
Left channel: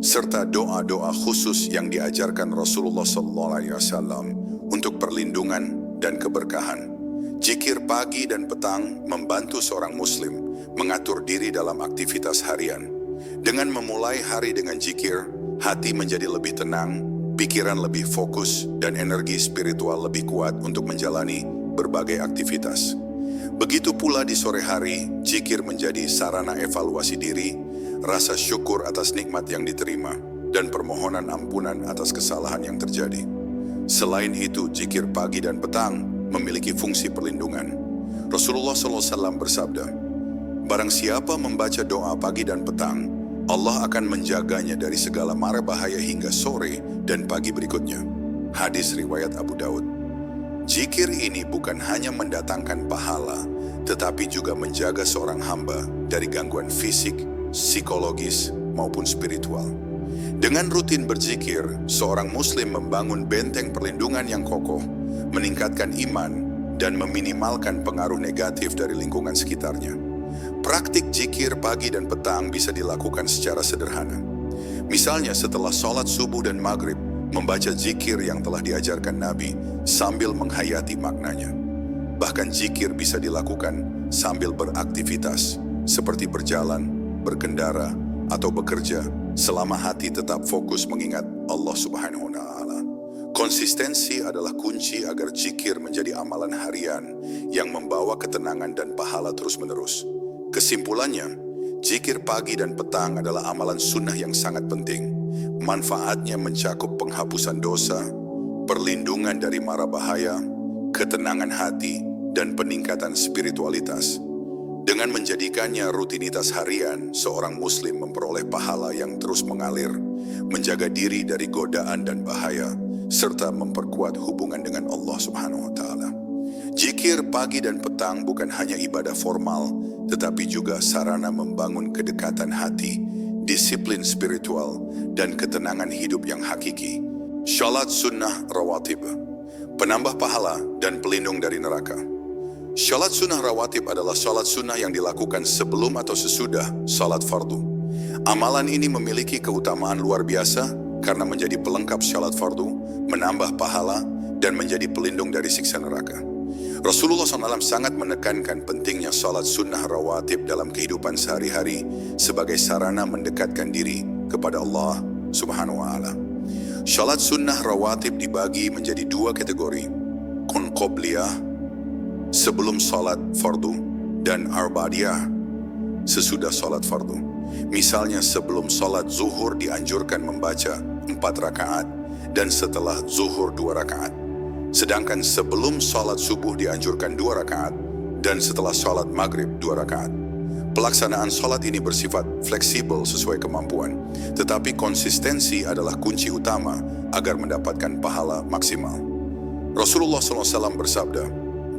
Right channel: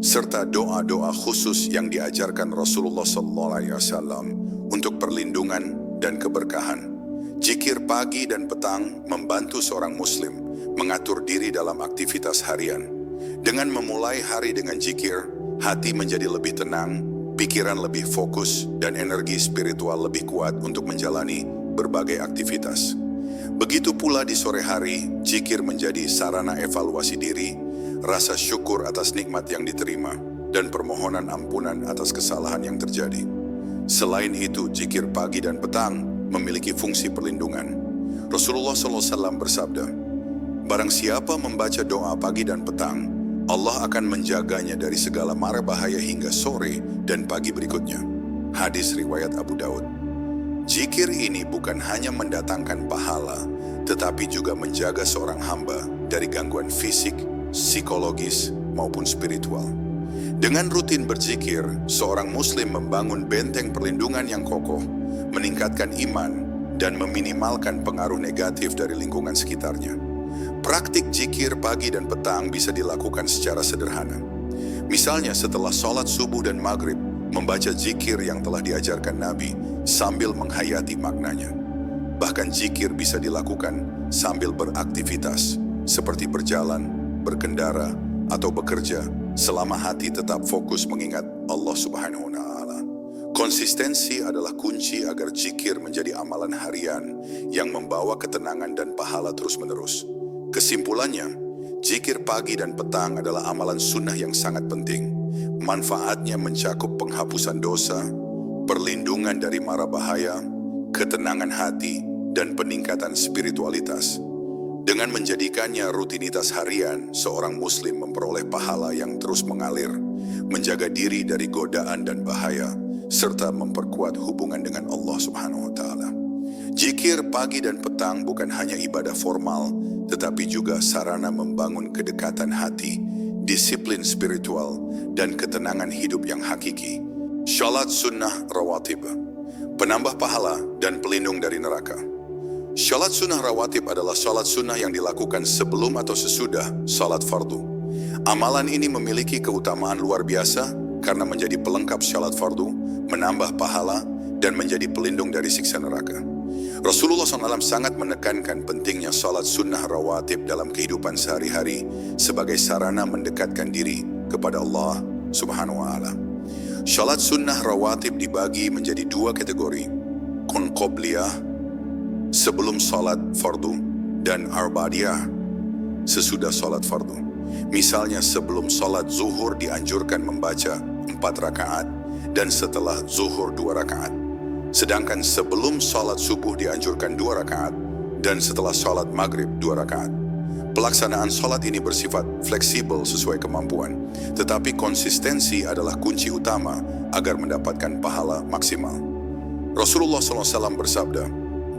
serta doa-doa khusus yang diajarkan Rasulullah SAW untuk perlindungan dan keberkahan. Zikir pagi dan petang membantu seorang muslim mengatur diri dalam aktivitas harian. Dengan memulai hari dengan zikir, hati menjadi lebih tenang, pikiran lebih fokus, dan energi spiritual lebih kuat untuk menjalani berbagai aktivitas. Begitu pula di sore hari, zikir menjadi sarana evaluasi diri, rasa syukur atas nikmat yang diterima, dan permohonan ampunan atas kesalahan yang terjadi. Selain itu, zikir pagi dan petang memiliki fungsi perlindungan. Rasulullah SAW bersabda, "Barang siapa membaca doa pagi dan petang, Allah akan menjaganya dari segala mara bahaya hingga sore dan pagi berikutnya." Hadis riwayat Abu Daud. Zikir ini bukan hanya mendatangkan pahala, tetapi juga menjaga seorang hamba dari gangguan fisik, psikologis, maupun spiritual. Dengan rutin berzikir, seorang muslim membangun benteng perlindungan yang kokoh, meningkatkan iman, dan meminimalkan pengaruh negatif dari lingkungan sekitarnya. Praktik zikir pagi dan petang bisa dilakukan secara sederhana. Misalnya setelah sholat subuh dan maghrib, membaca zikir yang telah diajarkan Nabi sambil menghayati maknanya. Bahkan zikir bisa dilakukan sambil beraktivitas, seperti berjalan, berkendara, atau bekerja, selama hati tetap fokus mengingat Allah Subhanahu wa Ta'ala. Konsistensi adalah kunci agar zikir menjadi amalan harian yang membawa ketenangan dan pahala terus-menerus. Kesimpulannya, zikir pagi dan petang adalah amalan sunnah yang sangat penting. Manfaatnya mencakup penghapusan dosa, perlindungan dari mara bahaya, ketenangan hati, dan peningkatan spiritualitas. Dengan menjadikannya rutinitas harian, seorang muslim memperoleh pahala yang terus mengalir, menjaga diri dari godaan dan bahaya, serta memperkuat hubungan dengan Allah Subhanahu wa Ta'ala. Zikir pagi dan petang bukan hanya ibadah formal, tetapi juga sarana membangun kedekatan hati, disiplin spiritual, dan ketenangan hidup yang hakiki. Salat sunnah rawatib, penambah pahala dan pelindung dari neraka. Salat sunnah rawatib adalah salat sunnah yang dilakukan sebelum atau sesudah salat fardu. Amalan ini memiliki keutamaan luar biasa karena menjadi pelengkap syalat fardu, menambah pahala, dan menjadi pelindung dari siksa neraka. Rasulullah SAW sangat menekankan pentingnya salat sunnah rawatib dalam kehidupan sehari-hari sebagai sarana mendekatkan diri kepada Allah Subhanahu wa Ta'ala. Salat sunnah rawatib dibagi menjadi dua kategori, qobliyah sebelum salat fardu dan arba'diyah sesudah salat fardu. Misalnya sebelum salat zuhur dianjurkan membaca 4 rakaat dan setelah zuhur 2 rakaat. Sedangkan sebelum salat subuh dianjurkan 2 rakaat dan setelah salat maghrib 2 rakaat. Pelaksanaan salat ini bersifat fleksibel sesuai kemampuan, tetapi konsistensi adalah kunci utama agar mendapatkan pahala maksimal. Rasulullah SAW bersabda,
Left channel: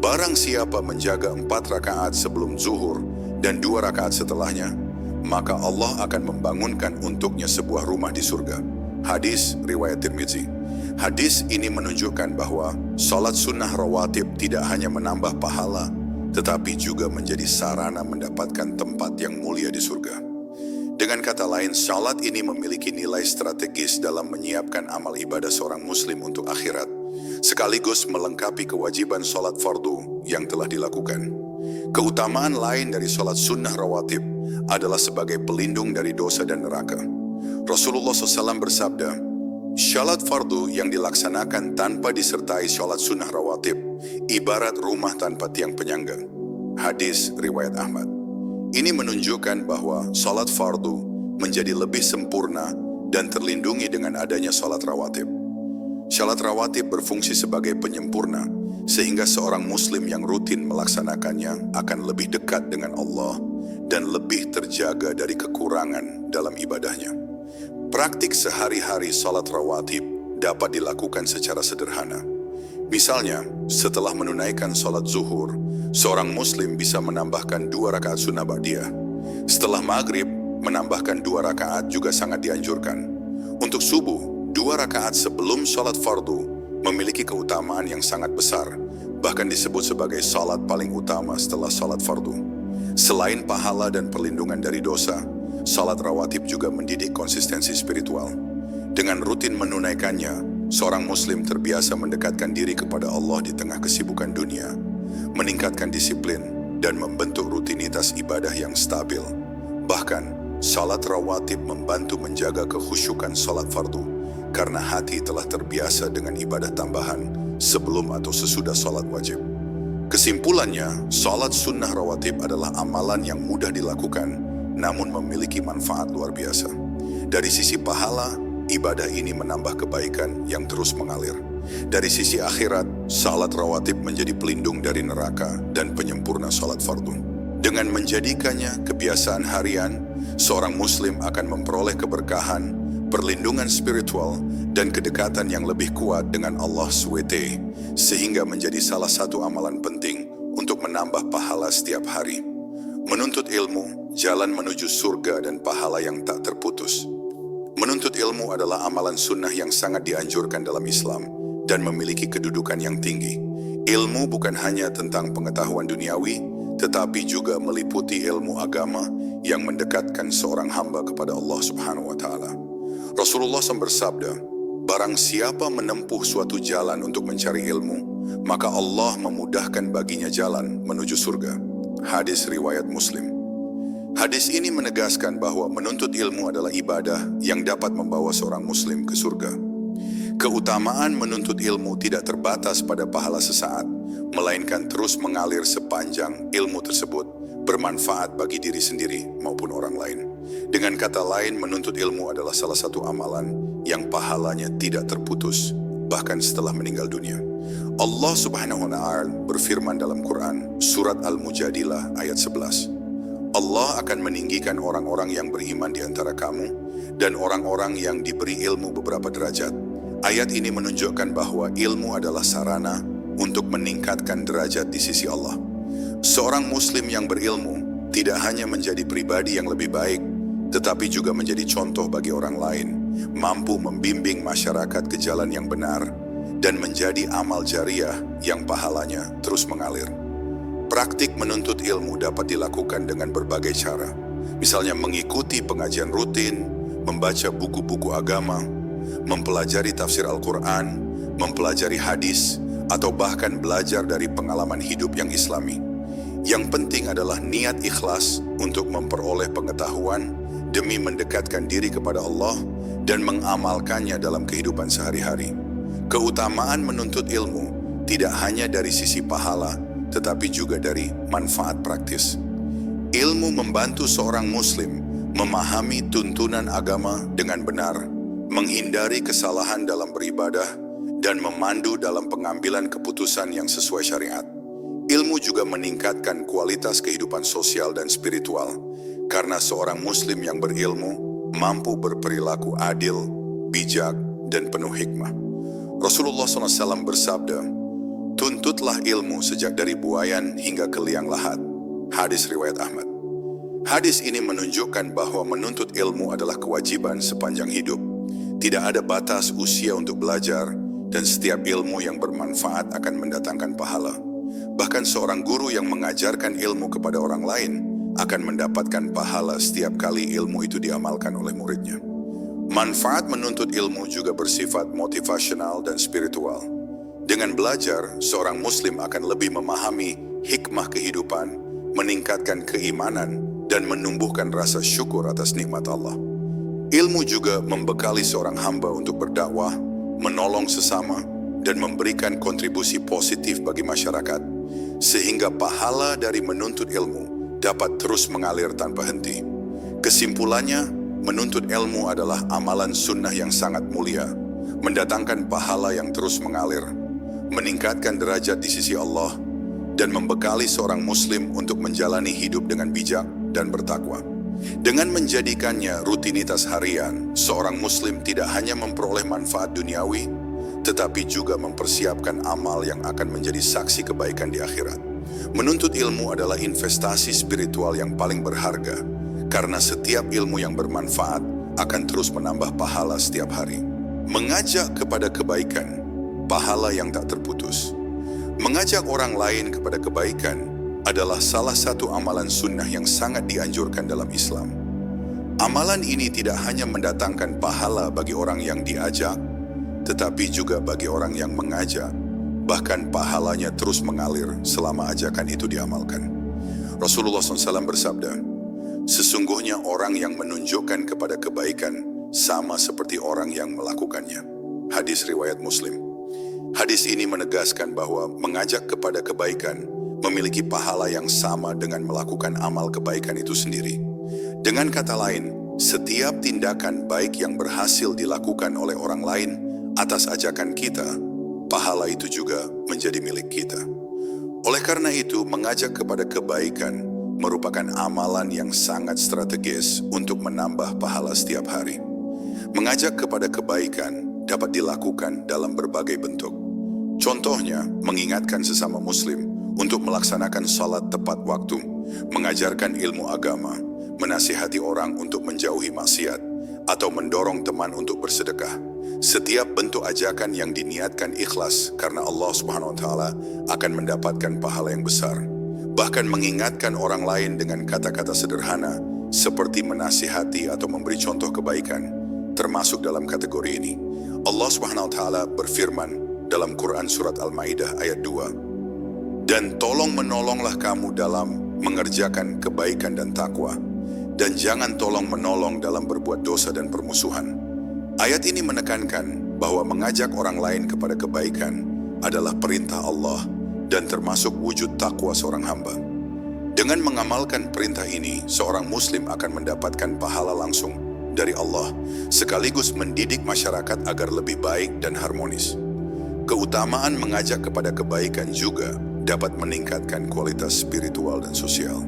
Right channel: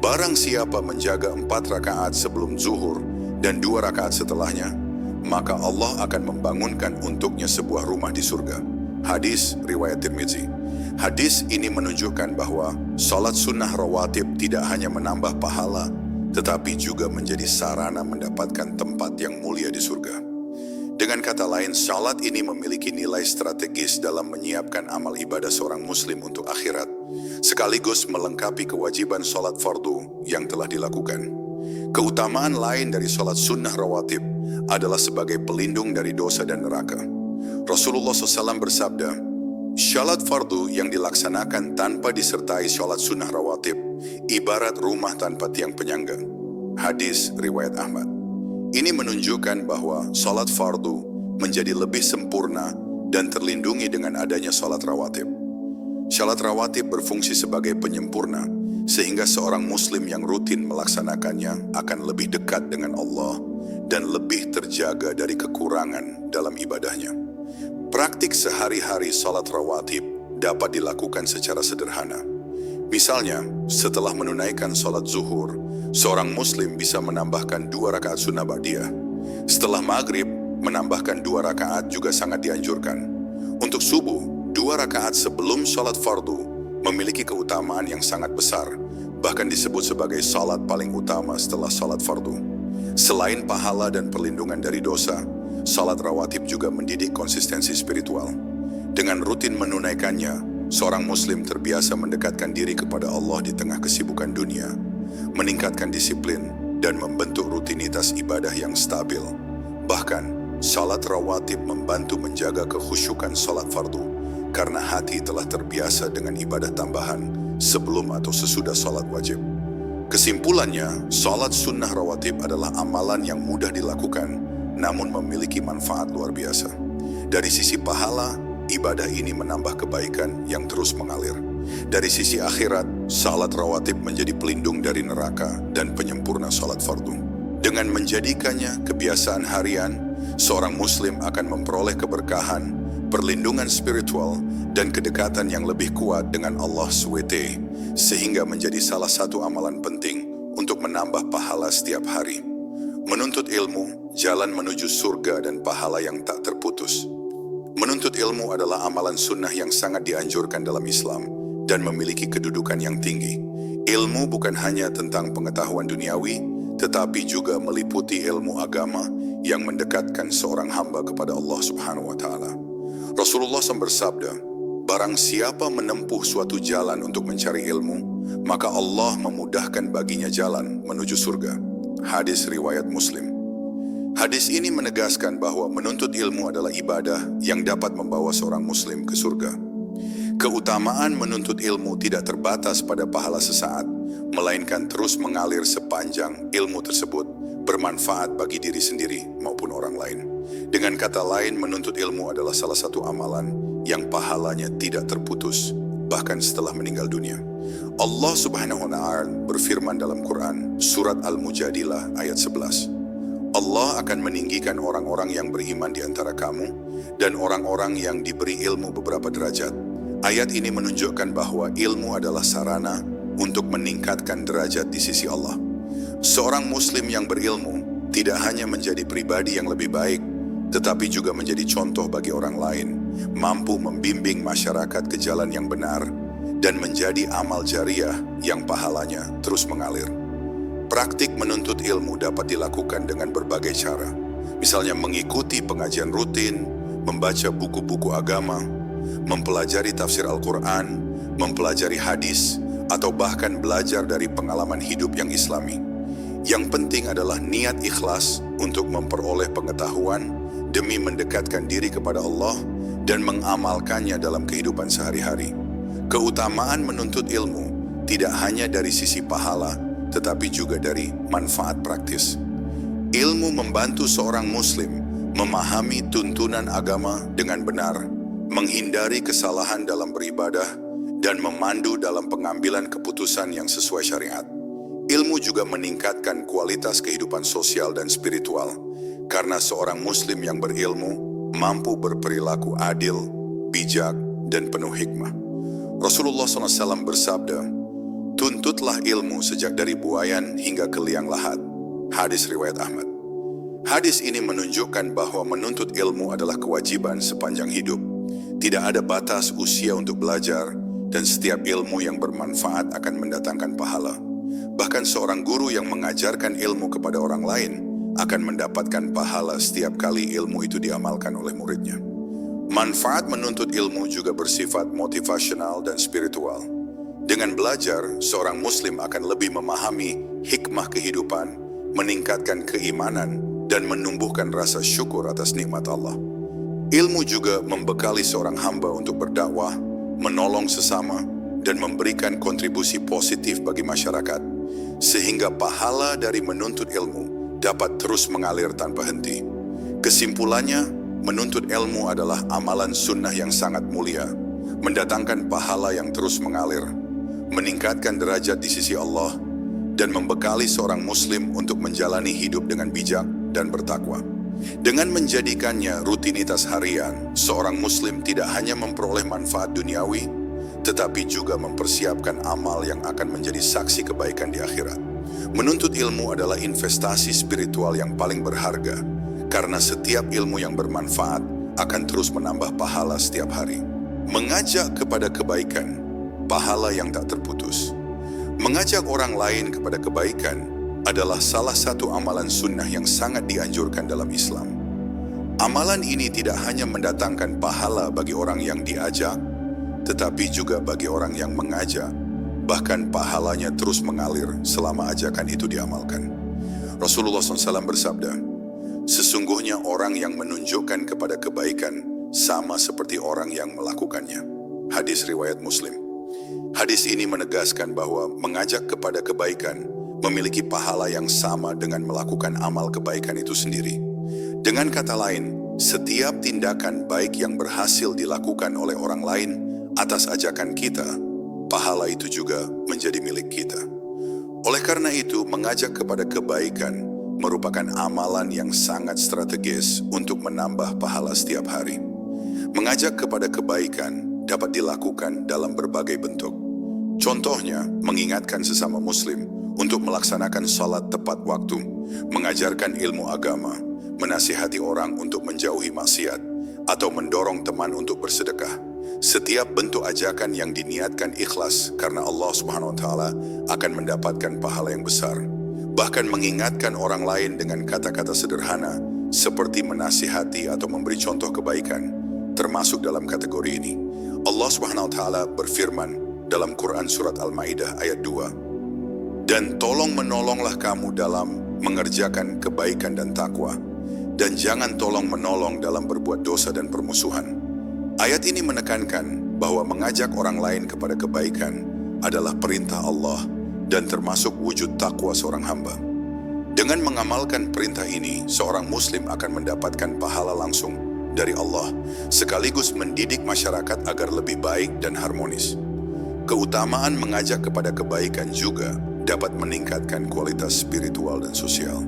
"Barang siapa menjaga 4 rakaat sebelum zuhur dan 2 rakaat setelahnya, maka Allah akan membangunkan untuknya sebuah rumah di surga." Hadis riwayat Tirmizi. Hadis ini menunjukkan bahwa salat sunnah rawatib tidak hanya menambah pahala, tetapi juga menjadi sarana mendapatkan tempat yang mulia di surga. Dengan kata lain, salat ini memiliki nilai strategis dalam menyiapkan amal ibadah seorang muslim untuk akhirat, sekaligus melengkapi kewajiban salat fardu yang telah dilakukan. Keutamaan lain dari salat sunnah rawatib adalah sebagai pelindung dari dosa dan neraka. Rasulullah SAW bersabda, "Salat fardu yang dilaksanakan tanpa disertai salat sunnah rawatib ibarat rumah tanpa tiang penyangga." Hadis riwayat Ahmad. Ini menunjukkan bahwa salat fardu menjadi lebih sempurna dan terlindungi dengan adanya salat rawatib. Salat rawatib berfungsi sebagai penyempurna, sehingga seorang muslim yang rutin melaksanakannya akan lebih dekat dengan Allah dan lebih terjaga dari kekurangan dalam ibadahnya. Praktik sehari-hari salat rawatib dapat dilakukan secara sederhana. Misalnya, setelah menunaikan salat zuhur, seorang muslim bisa menambahkan 2 rakaat sunnah ba'diyah. Setelah maghrib, menambahkan 2 rakaat juga sangat dianjurkan. Untuk subuh, 2 rakaat sebelum salat fardu memiliki keutamaan yang sangat besar, bahkan disebut sebagai salat paling utama setelah salat fardu. Selain pahala dan perlindungan dari dosa, salat rawatib juga mendidik konsistensi spiritual. Dengan rutin menunaikannya, seorang muslim terbiasa mendekatkan diri kepada Allah di tengah kesibukan dunia, meningkatkan disiplin, dan membentuk rutinitas ibadah yang stabil. Bahkan, salat rawatib membantu menjaga kekhusyukan salat fardu, karena hati telah terbiasa dengan ibadah tambahan sebelum atau sesudah salat wajib. Kesimpulannya, salat sunnah rawatib adalah amalan yang mudah dilakukan, namun memiliki manfaat luar biasa. Dari sisi pahala, ibadah ini menambah kebaikan yang terus mengalir. Dari sisi akhirat, salat rawatib menjadi pelindung dari neraka dan penyempurna salat fardu. Dengan menjadikannya kebiasaan harian, seorang muslim akan memperoleh keberkahan, perlindungan spiritual, dan kedekatan yang lebih kuat dengan Allah SWT, sehingga menjadi salah satu amalan penting untuk menambah pahala setiap hari. Menuntut ilmu, jalan menuju surga dan pahala yang tak terputus. Menuntut ilmu adalah amalan sunnah yang sangat dianjurkan dalam Islam dan memiliki kedudukan yang tinggi. Ilmu bukan hanya tentang pengetahuan duniawi, tetapi juga meliputi ilmu agama yang mendekatkan seorang hamba kepada Allah Subhanahu wa Ta'ala. Rasulullah SAW bersabda, "Barang siapa menempuh suatu jalan untuk mencari ilmu, maka Allah memudahkan baginya jalan menuju surga." Hadis riwayat Muslim. Hadis ini menegaskan bahwa menuntut ilmu adalah ibadah yang dapat membawa seorang muslim ke surga. Keutamaan menuntut ilmu tidak terbatas pada pahala sesaat, melainkan terus mengalir sepanjang ilmu tersebut bermanfaat bagi diri sendiri maupun orang lain. Dengan kata lain, menuntut ilmu adalah salah satu amalan yang pahalanya tidak terputus, bahkan setelah meninggal dunia. Allah Subhanahu wa Ta'ala berfirman dalam Quran, Surat Al-Mujadilah ayat 11. Allah akan meninggikan orang-orang yang beriman di antara kamu dan orang-orang yang diberi ilmu beberapa derajat. Ayat ini menunjukkan bahwa ilmu adalah sarana untuk meningkatkan derajat di sisi Allah. Seorang muslim yang berilmu tidak hanya menjadi pribadi yang lebih baik, tetapi juga menjadi contoh bagi orang lain, mampu membimbing masyarakat ke jalan yang benar, dan menjadi amal jariah yang pahalanya terus mengalir. Praktik menuntut ilmu dapat dilakukan dengan berbagai cara, misalnya mengikuti pengajian rutin, membaca buku-buku agama, mempelajari tafsir Al-Quran, mempelajari hadis, atau bahkan belajar dari pengalaman hidup yang islami. Yang penting adalah niat ikhlas untuk memperoleh pengetahuan demi mendekatkan diri kepada Allah dan mengamalkannya dalam kehidupan sehari-hari. Keutamaan menuntut ilmu tidak hanya dari sisi pahala, tetapi juga dari manfaat praktis. Ilmu membantu seorang muslim memahami tuntunan agama dengan benar, menghindari kesalahan dalam beribadah, dan memandu dalam pengambilan keputusan yang sesuai syariat. Ilmu juga meningkatkan kualitas kehidupan sosial dan spiritual, karena seorang muslim yang berilmu mampu berperilaku adil, bijak, dan penuh hikmah. Rasulullah SAW bersabda, "Tuntutlah ilmu sejak dari buayan hingga ke liang lahat." Hadis riwayat Ahmad. Hadis ini menunjukkan bahwa menuntut ilmu adalah kewajiban sepanjang hidup. Tidak ada batas usia untuk belajar, dan setiap ilmu yang bermanfaat akan mendatangkan pahala. Bahkan seorang guru yang mengajarkan ilmu kepada orang lain akan mendapatkan pahala setiap kali ilmu itu diamalkan oleh muridnya. Manfaat menuntut ilmu juga bersifat motivasional dan spiritual. Dengan belajar, seorang muslim akan lebih memahami hikmah kehidupan, meningkatkan keimanan, dan menumbuhkan rasa syukur atas nikmat Allah. Ilmu juga membekali seorang hamba untuk berdakwah, menolong sesama, dan memberikan kontribusi positif bagi masyarakat, sehingga pahala dari menuntut ilmu dapat terus mengalir tanpa henti. Kesimpulannya, menuntut ilmu adalah amalan sunnah yang sangat mulia, mendatangkan pahala yang terus mengalir, meningkatkan derajat di sisi Allah, dan membekali seorang muslim untuk menjalani hidup dengan bijak dan bertakwa. Dengan menjadikannya rutinitas harian, seorang muslim tidak hanya memperoleh manfaat duniawi, tetapi juga mempersiapkan amal yang akan menjadi saksi kebaikan di akhirat. Menuntut ilmu adalah investasi spiritual yang paling berharga, karena setiap ilmu yang bermanfaat akan terus menambah pahala setiap hari. Mengajak kepada kebaikan, pahala yang tak terputus. Mengajak orang lain kepada kebaikan adalah salah satu amalan sunnah yang sangat dianjurkan dalam Islam. Amalan ini tidak hanya mendatangkan pahala bagi orang yang diajak, tetapi juga bagi orang yang mengajak, bahkan pahalanya terus mengalir selama ajakan itu diamalkan. Rasulullah SAW bersabda, "Sesungguhnya orang yang menunjukkan kepada kebaikan sama seperti orang yang melakukannya." Hadis riwayat Muslim. Hadis ini menegaskan bahwa mengajak kepada kebaikan memiliki pahala yang sama dengan melakukan amal kebaikan itu sendiri. Dengan kata lain, setiap tindakan baik yang berhasil dilakukan oleh orang lain atas ajakan kita, pahala itu juga menjadi milik kita. Oleh karena itu, mengajak kepada kebaikan merupakan amalan yang sangat strategis untuk menambah pahala setiap hari. Mengajak kepada kebaikan dapat dilakukan dalam berbagai bentuk. Contohnya, mengingatkan sesama muslim untuk melaksanakan salat tepat waktu, mengajarkan ilmu agama, menasihati orang untuk menjauhi maksiat, atau mendorong teman untuk bersedekah. Setiap bentuk ajakan yang diniatkan ikhlas karena Allah SWT akan mendapatkan pahala yang besar. Bahkan mengingatkan orang lain dengan kata-kata sederhana seperti menasihati atau memberi contoh kebaikan termasuk dalam kategori ini. Allah SWT berfirman dalam Quran Surat Al-Ma'idah ayat 2, "Dan tolong menolonglah kamu dalam mengerjakan kebaikan dan takwa, dan jangan tolong menolong dalam berbuat dosa dan permusuhan." Ayat ini menekankan bahwa mengajak orang lain kepada kebaikan adalah perintah Allah dan termasuk wujud takwa seorang hamba. Dengan mengamalkan perintah ini, seorang muslim akan mendapatkan pahala langsung dari Allah, sekaligus mendidik masyarakat agar lebih baik dan harmonis. Keutamaan mengajak kepada kebaikan juga dapat meningkatkan kualitas spiritual dan sosial.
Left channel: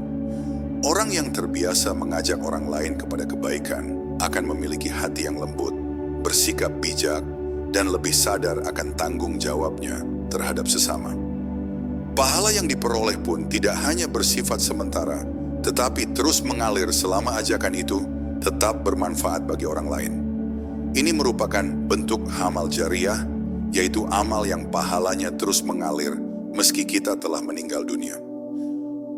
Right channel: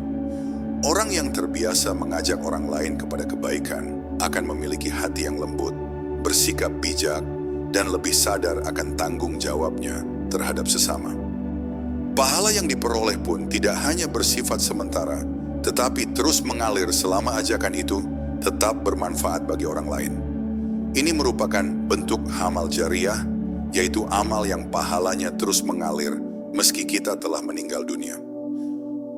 Orang yang terbiasa mengajak orang lain kepada kebaikan akan memiliki hati yang lembut, bersikap bijak, dan lebih sadar akan tanggung jawabnya terhadap sesama. Pahala yang diperoleh pun tidak hanya bersifat sementara, tetapi terus mengalir selama ajakan itu tetap bermanfaat bagi orang lain. Ini merupakan bentuk amal jariyah, yaitu amal yang pahalanya terus mengalir meski kita telah meninggal dunia.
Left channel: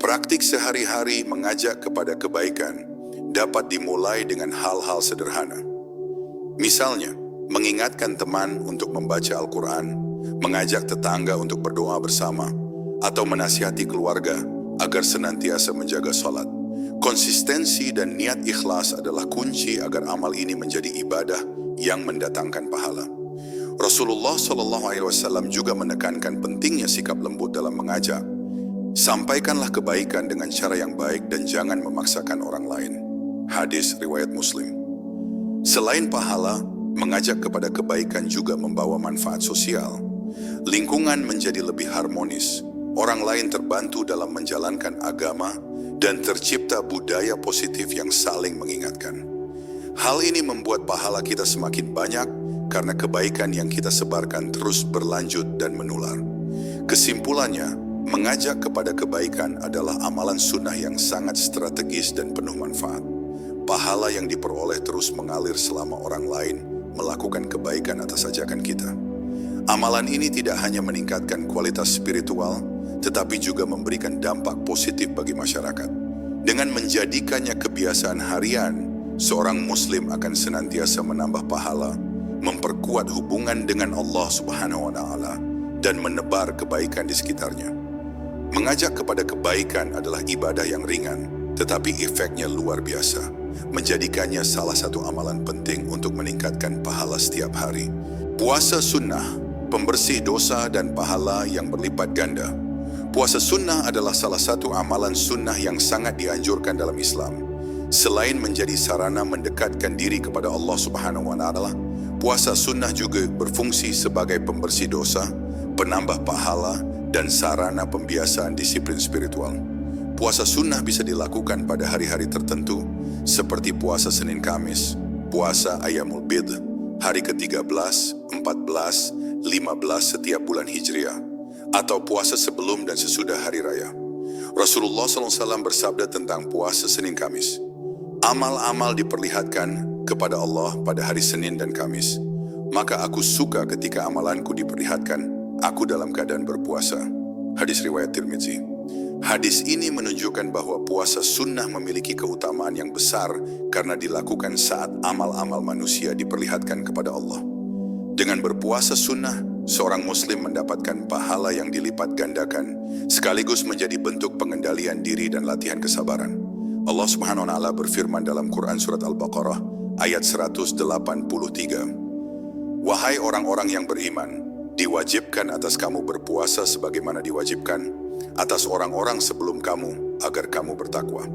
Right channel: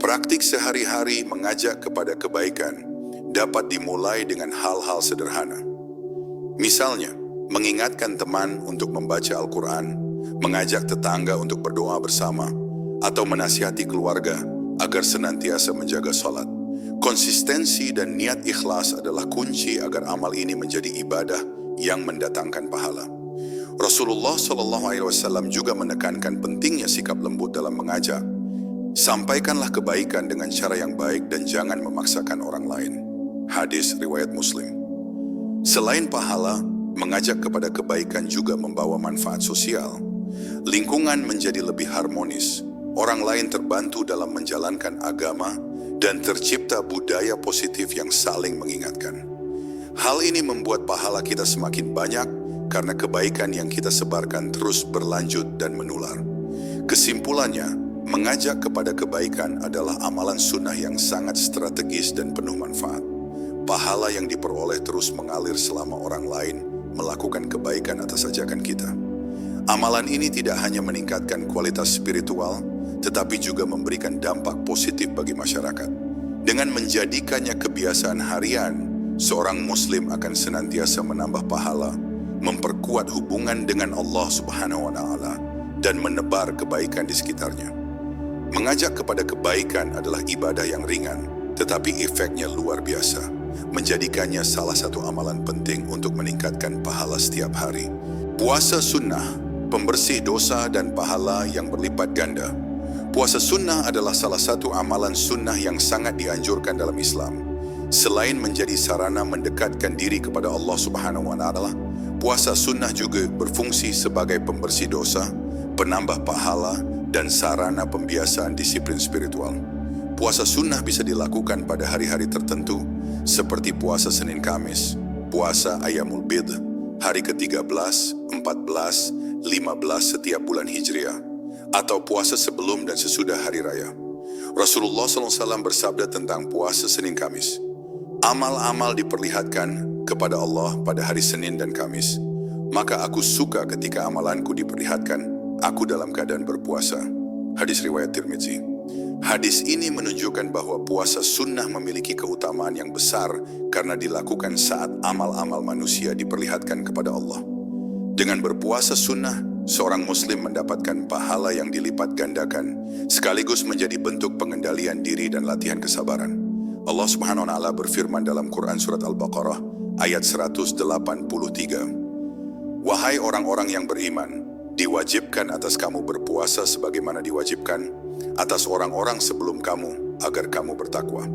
Praktik sehari-hari mengajak kepada kebaikan dapat dimulai dengan hal-hal sederhana. Misalnya, mengingatkan teman untuk membaca Al-Quran, mengajak tetangga untuk berdoa bersama, atau menasihati keluarga agar senantiasa menjaga salat. Konsistensi dan niat ikhlas adalah kunci agar amal ini menjadi ibadah yang mendatangkan pahala. Rasulullah SAW juga menekankan pentingnya sikap lembut dalam mengajak. Sampaikanlah kebaikan dengan cara yang baik dan jangan memaksakan orang lain. Hadis riwayat Muslim. Selain pahala, mengajak kepada kebaikan juga membawa manfaat sosial. Lingkungan menjadi lebih harmonis, orang lain terbantu dalam menjalankan agama, dan tercipta budaya positif yang saling mengingatkan. Hal ini membuat pahala kita semakin banyak karena kebaikan yang kita sebarkan terus berlanjut dan menular. Kesimpulannya, mengajak kepada kebaikan adalah amalan sunnah yang sangat strategis dan penuh manfaat. Pahala yang diperoleh terus mengalir selama orang lain melakukan kebaikan atas ajakan kita. Amalan ini tidak hanya meningkatkan kualitas spiritual, tetapi juga memberikan dampak positif bagi masyarakat. Dengan menjadikannya kebiasaan harian, seorang muslim akan senantiasa menambah pahala, memperkuat hubungan dengan Allah Subhanahu wa Ta'ala, dan menebar kebaikan di sekitarnya. Mengajak kepada kebaikan adalah ibadah yang ringan, tetapi efeknya luar biasa, menjadikannya salah satu amalan penting untuk meningkatkan pahala setiap hari. Puasa sunnah, pembersih dosa dan pahala yang berlipat ganda. Puasa sunnah adalah salah satu amalan sunnah yang sangat dianjurkan dalam Islam. Selain menjadi sarana mendekatkan diri kepada Allah Subhanahu wa Ta'ala, puasa sunnah juga berfungsi sebagai pembersih dosa, penambah pahala, dan sarana pembiasaan disiplin spiritual. Puasa sunnah bisa dilakukan pada hari-hari tertentu, seperti puasa Senin Kamis, puasa Ayyamul Bid, hari ke-13, 14, 15 setiap bulan Hijriah, atau puasa sebelum dan sesudah hari raya. Rasulullah SAW bersabda tentang puasa Senin Kamis, "Amal-amal diperlihatkan kepada Allah pada hari Senin dan Kamis, maka aku suka ketika amalanku diperlihatkan aku dalam keadaan berpuasa." Hadis riwayat Tirmidzi. Hadis ini menunjukkan bahwa puasa sunnah memiliki keutamaan yang besar karena dilakukan saat amal-amal manusia diperlihatkan kepada Allah. Dengan berpuasa sunnah, seorang muslim mendapatkan pahala yang dilipat gandakan, sekaligus menjadi bentuk pengendalian diri dan latihan kesabaran. Allah Subhanahu wa Ta'ala berfirman dalam Quran Surat Al-Baqarah ayat 183, "Wahai orang-orang yang beriman, diwajibkan atas kamu berpuasa sebagaimana diwajibkan atas orang-orang sebelum kamu agar kamu bertakwa."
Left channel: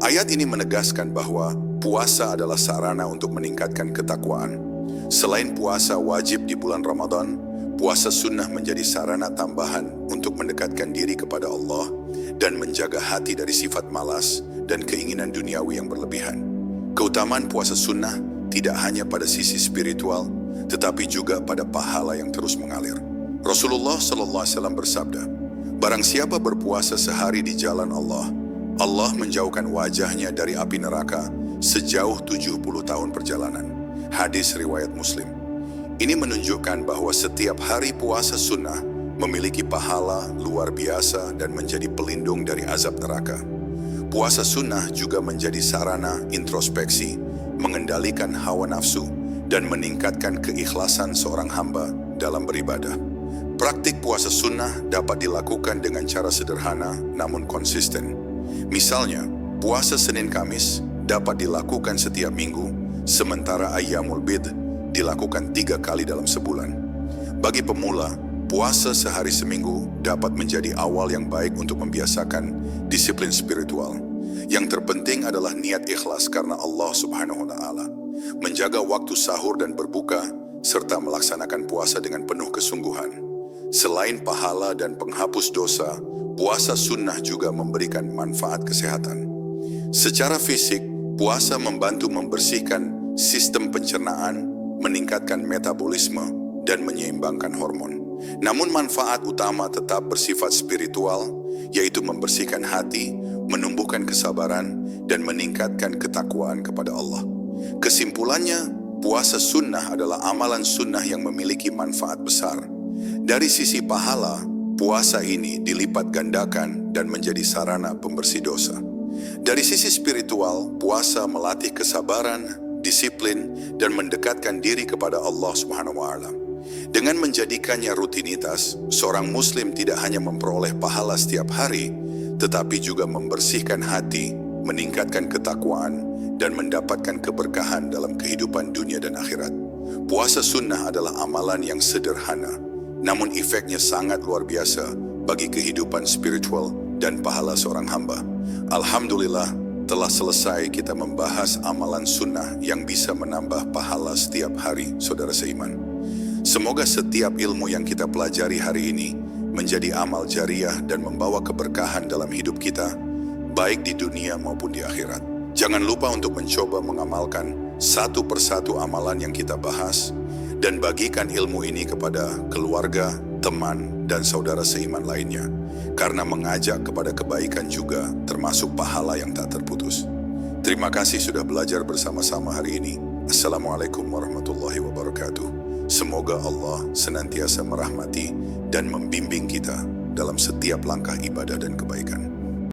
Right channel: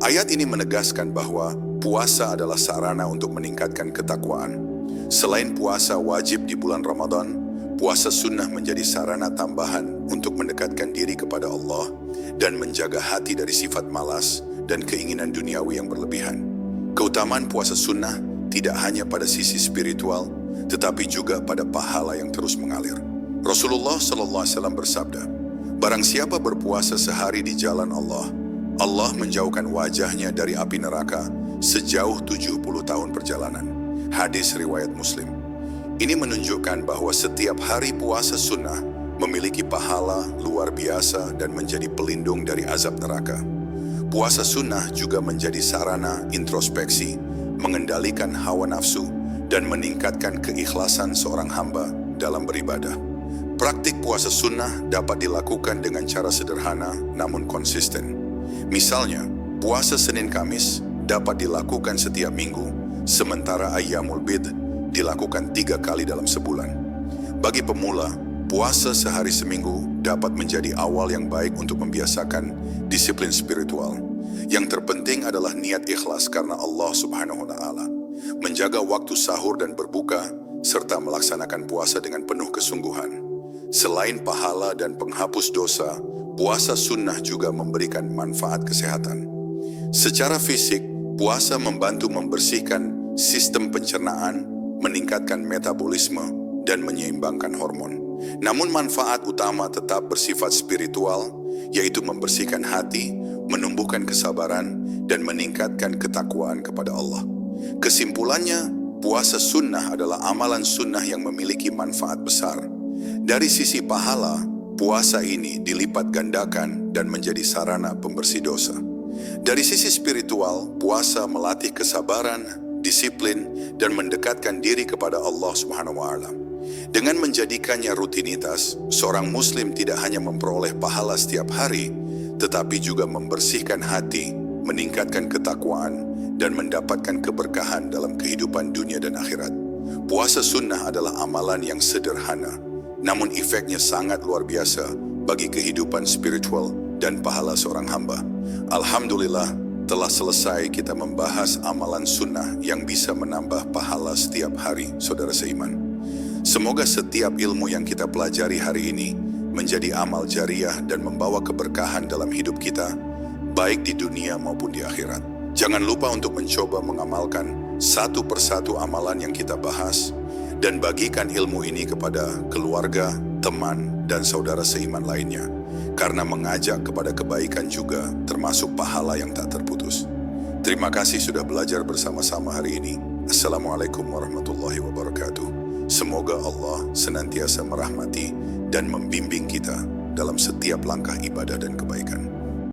Ayat ini menegaskan bahwa puasa adalah sarana untuk meningkatkan ketakwaan. Selain puasa wajib di bulan Ramadan, puasa sunnah menjadi sarana tambahan untuk mendekatkan diri kepada Allah dan menjaga hati dari sifat malas dan keinginan duniawi yang berlebihan. Keutamaan puasa sunnah tidak hanya pada sisi spiritual, tetapi juga pada pahala yang terus mengalir. Rasulullah SAW bersabda, "Barang siapa berpuasa sehari di jalan Allah, Allah menjauhkan wajahnya dari api neraka sejauh 70 tahun perjalanan." Hadis riwayat Muslim. Ini menunjukkan bahwa setiap hari puasa sunnah memiliki pahala luar biasa dan menjadi pelindung dari azab neraka. Puasa sunnah juga menjadi sarana introspeksi, mengendalikan hawa nafsu, dan meningkatkan keikhlasan seorang hamba dalam beribadah. Praktik puasa sunnah dapat dilakukan dengan cara sederhana namun konsisten. Misalnya, puasa Senin Kamis dapat dilakukan setiap minggu, sementara Ayyamul Bid dilakukan 3 kali dalam sebulan. Bagi pemula, puasa sehari seminggu dapat menjadi awal yang baik untuk membiasakan disiplin spiritual. Yang terpenting adalah niat ikhlas karena Allah Subhanahu wa Ta'ala. Menjaga waktu sahur dan berbuka, serta melaksanakan puasa dengan penuh kesungguhan. Selain pahala dan penghapus dosa, puasa sunnah juga memberikan manfaat kesehatan. Secara fisik, puasa membantu membersihkan sistem pencernaan, meningkatkan metabolisme, dan menyeimbangkan hormon. Namun manfaat utama tetap bersifat spiritual, yaitu membersihkan hati, menumbuhkan kesabaran, dan meningkatkan ketakwaan kepada Allah. Kesimpulannya, puasa sunnah adalah amalan sunnah yang memiliki manfaat besar. Dari sisi pahala, puasa ini dilipat gandakan dan menjadi sarana pembersih dosa. Dari sisi spiritual, puasa melatih kesabaran, disiplin, dan mendekatkan diri kepada Allah Subhanahu wa Ta'ala. Dengan menjadikannya rutinitas, seorang muslim tidak hanya memperoleh pahala setiap hari, tetapi juga membersihkan hati, meningkatkan ketakwaan, dan mendapatkan keberkahan dalam kehidupan dunia dan akhirat. Puasa sunnah adalah amalan yang sederhana, namun efeknya sangat luar biasa bagi kehidupan spiritual dan pahala seorang hamba. Alhamdulillah, telah selesai kita membahas amalan sunnah yang bisa menambah pahala setiap hari, saudara seiman. Semoga setiap ilmu yang kita pelajari hari ini menjadi amal jariah dan membawa keberkahan dalam hidup kita, baik di dunia maupun di akhirat. Jangan lupa untuk mencoba mengamalkan satu persatu amalan yang kita bahas, dan bagikan ilmu ini kepada keluarga, teman, dan saudara seiman lainnya, karena mengajak kepada kebaikan juga termasuk pahala yang tak terputus. Terima kasih sudah belajar bersama-sama hari ini. Assalamualaikum warahmatullahi wabarakatuh. Semoga Allah senantiasa merahmati dan membimbing kita dalam setiap langkah ibadah dan kebaikan.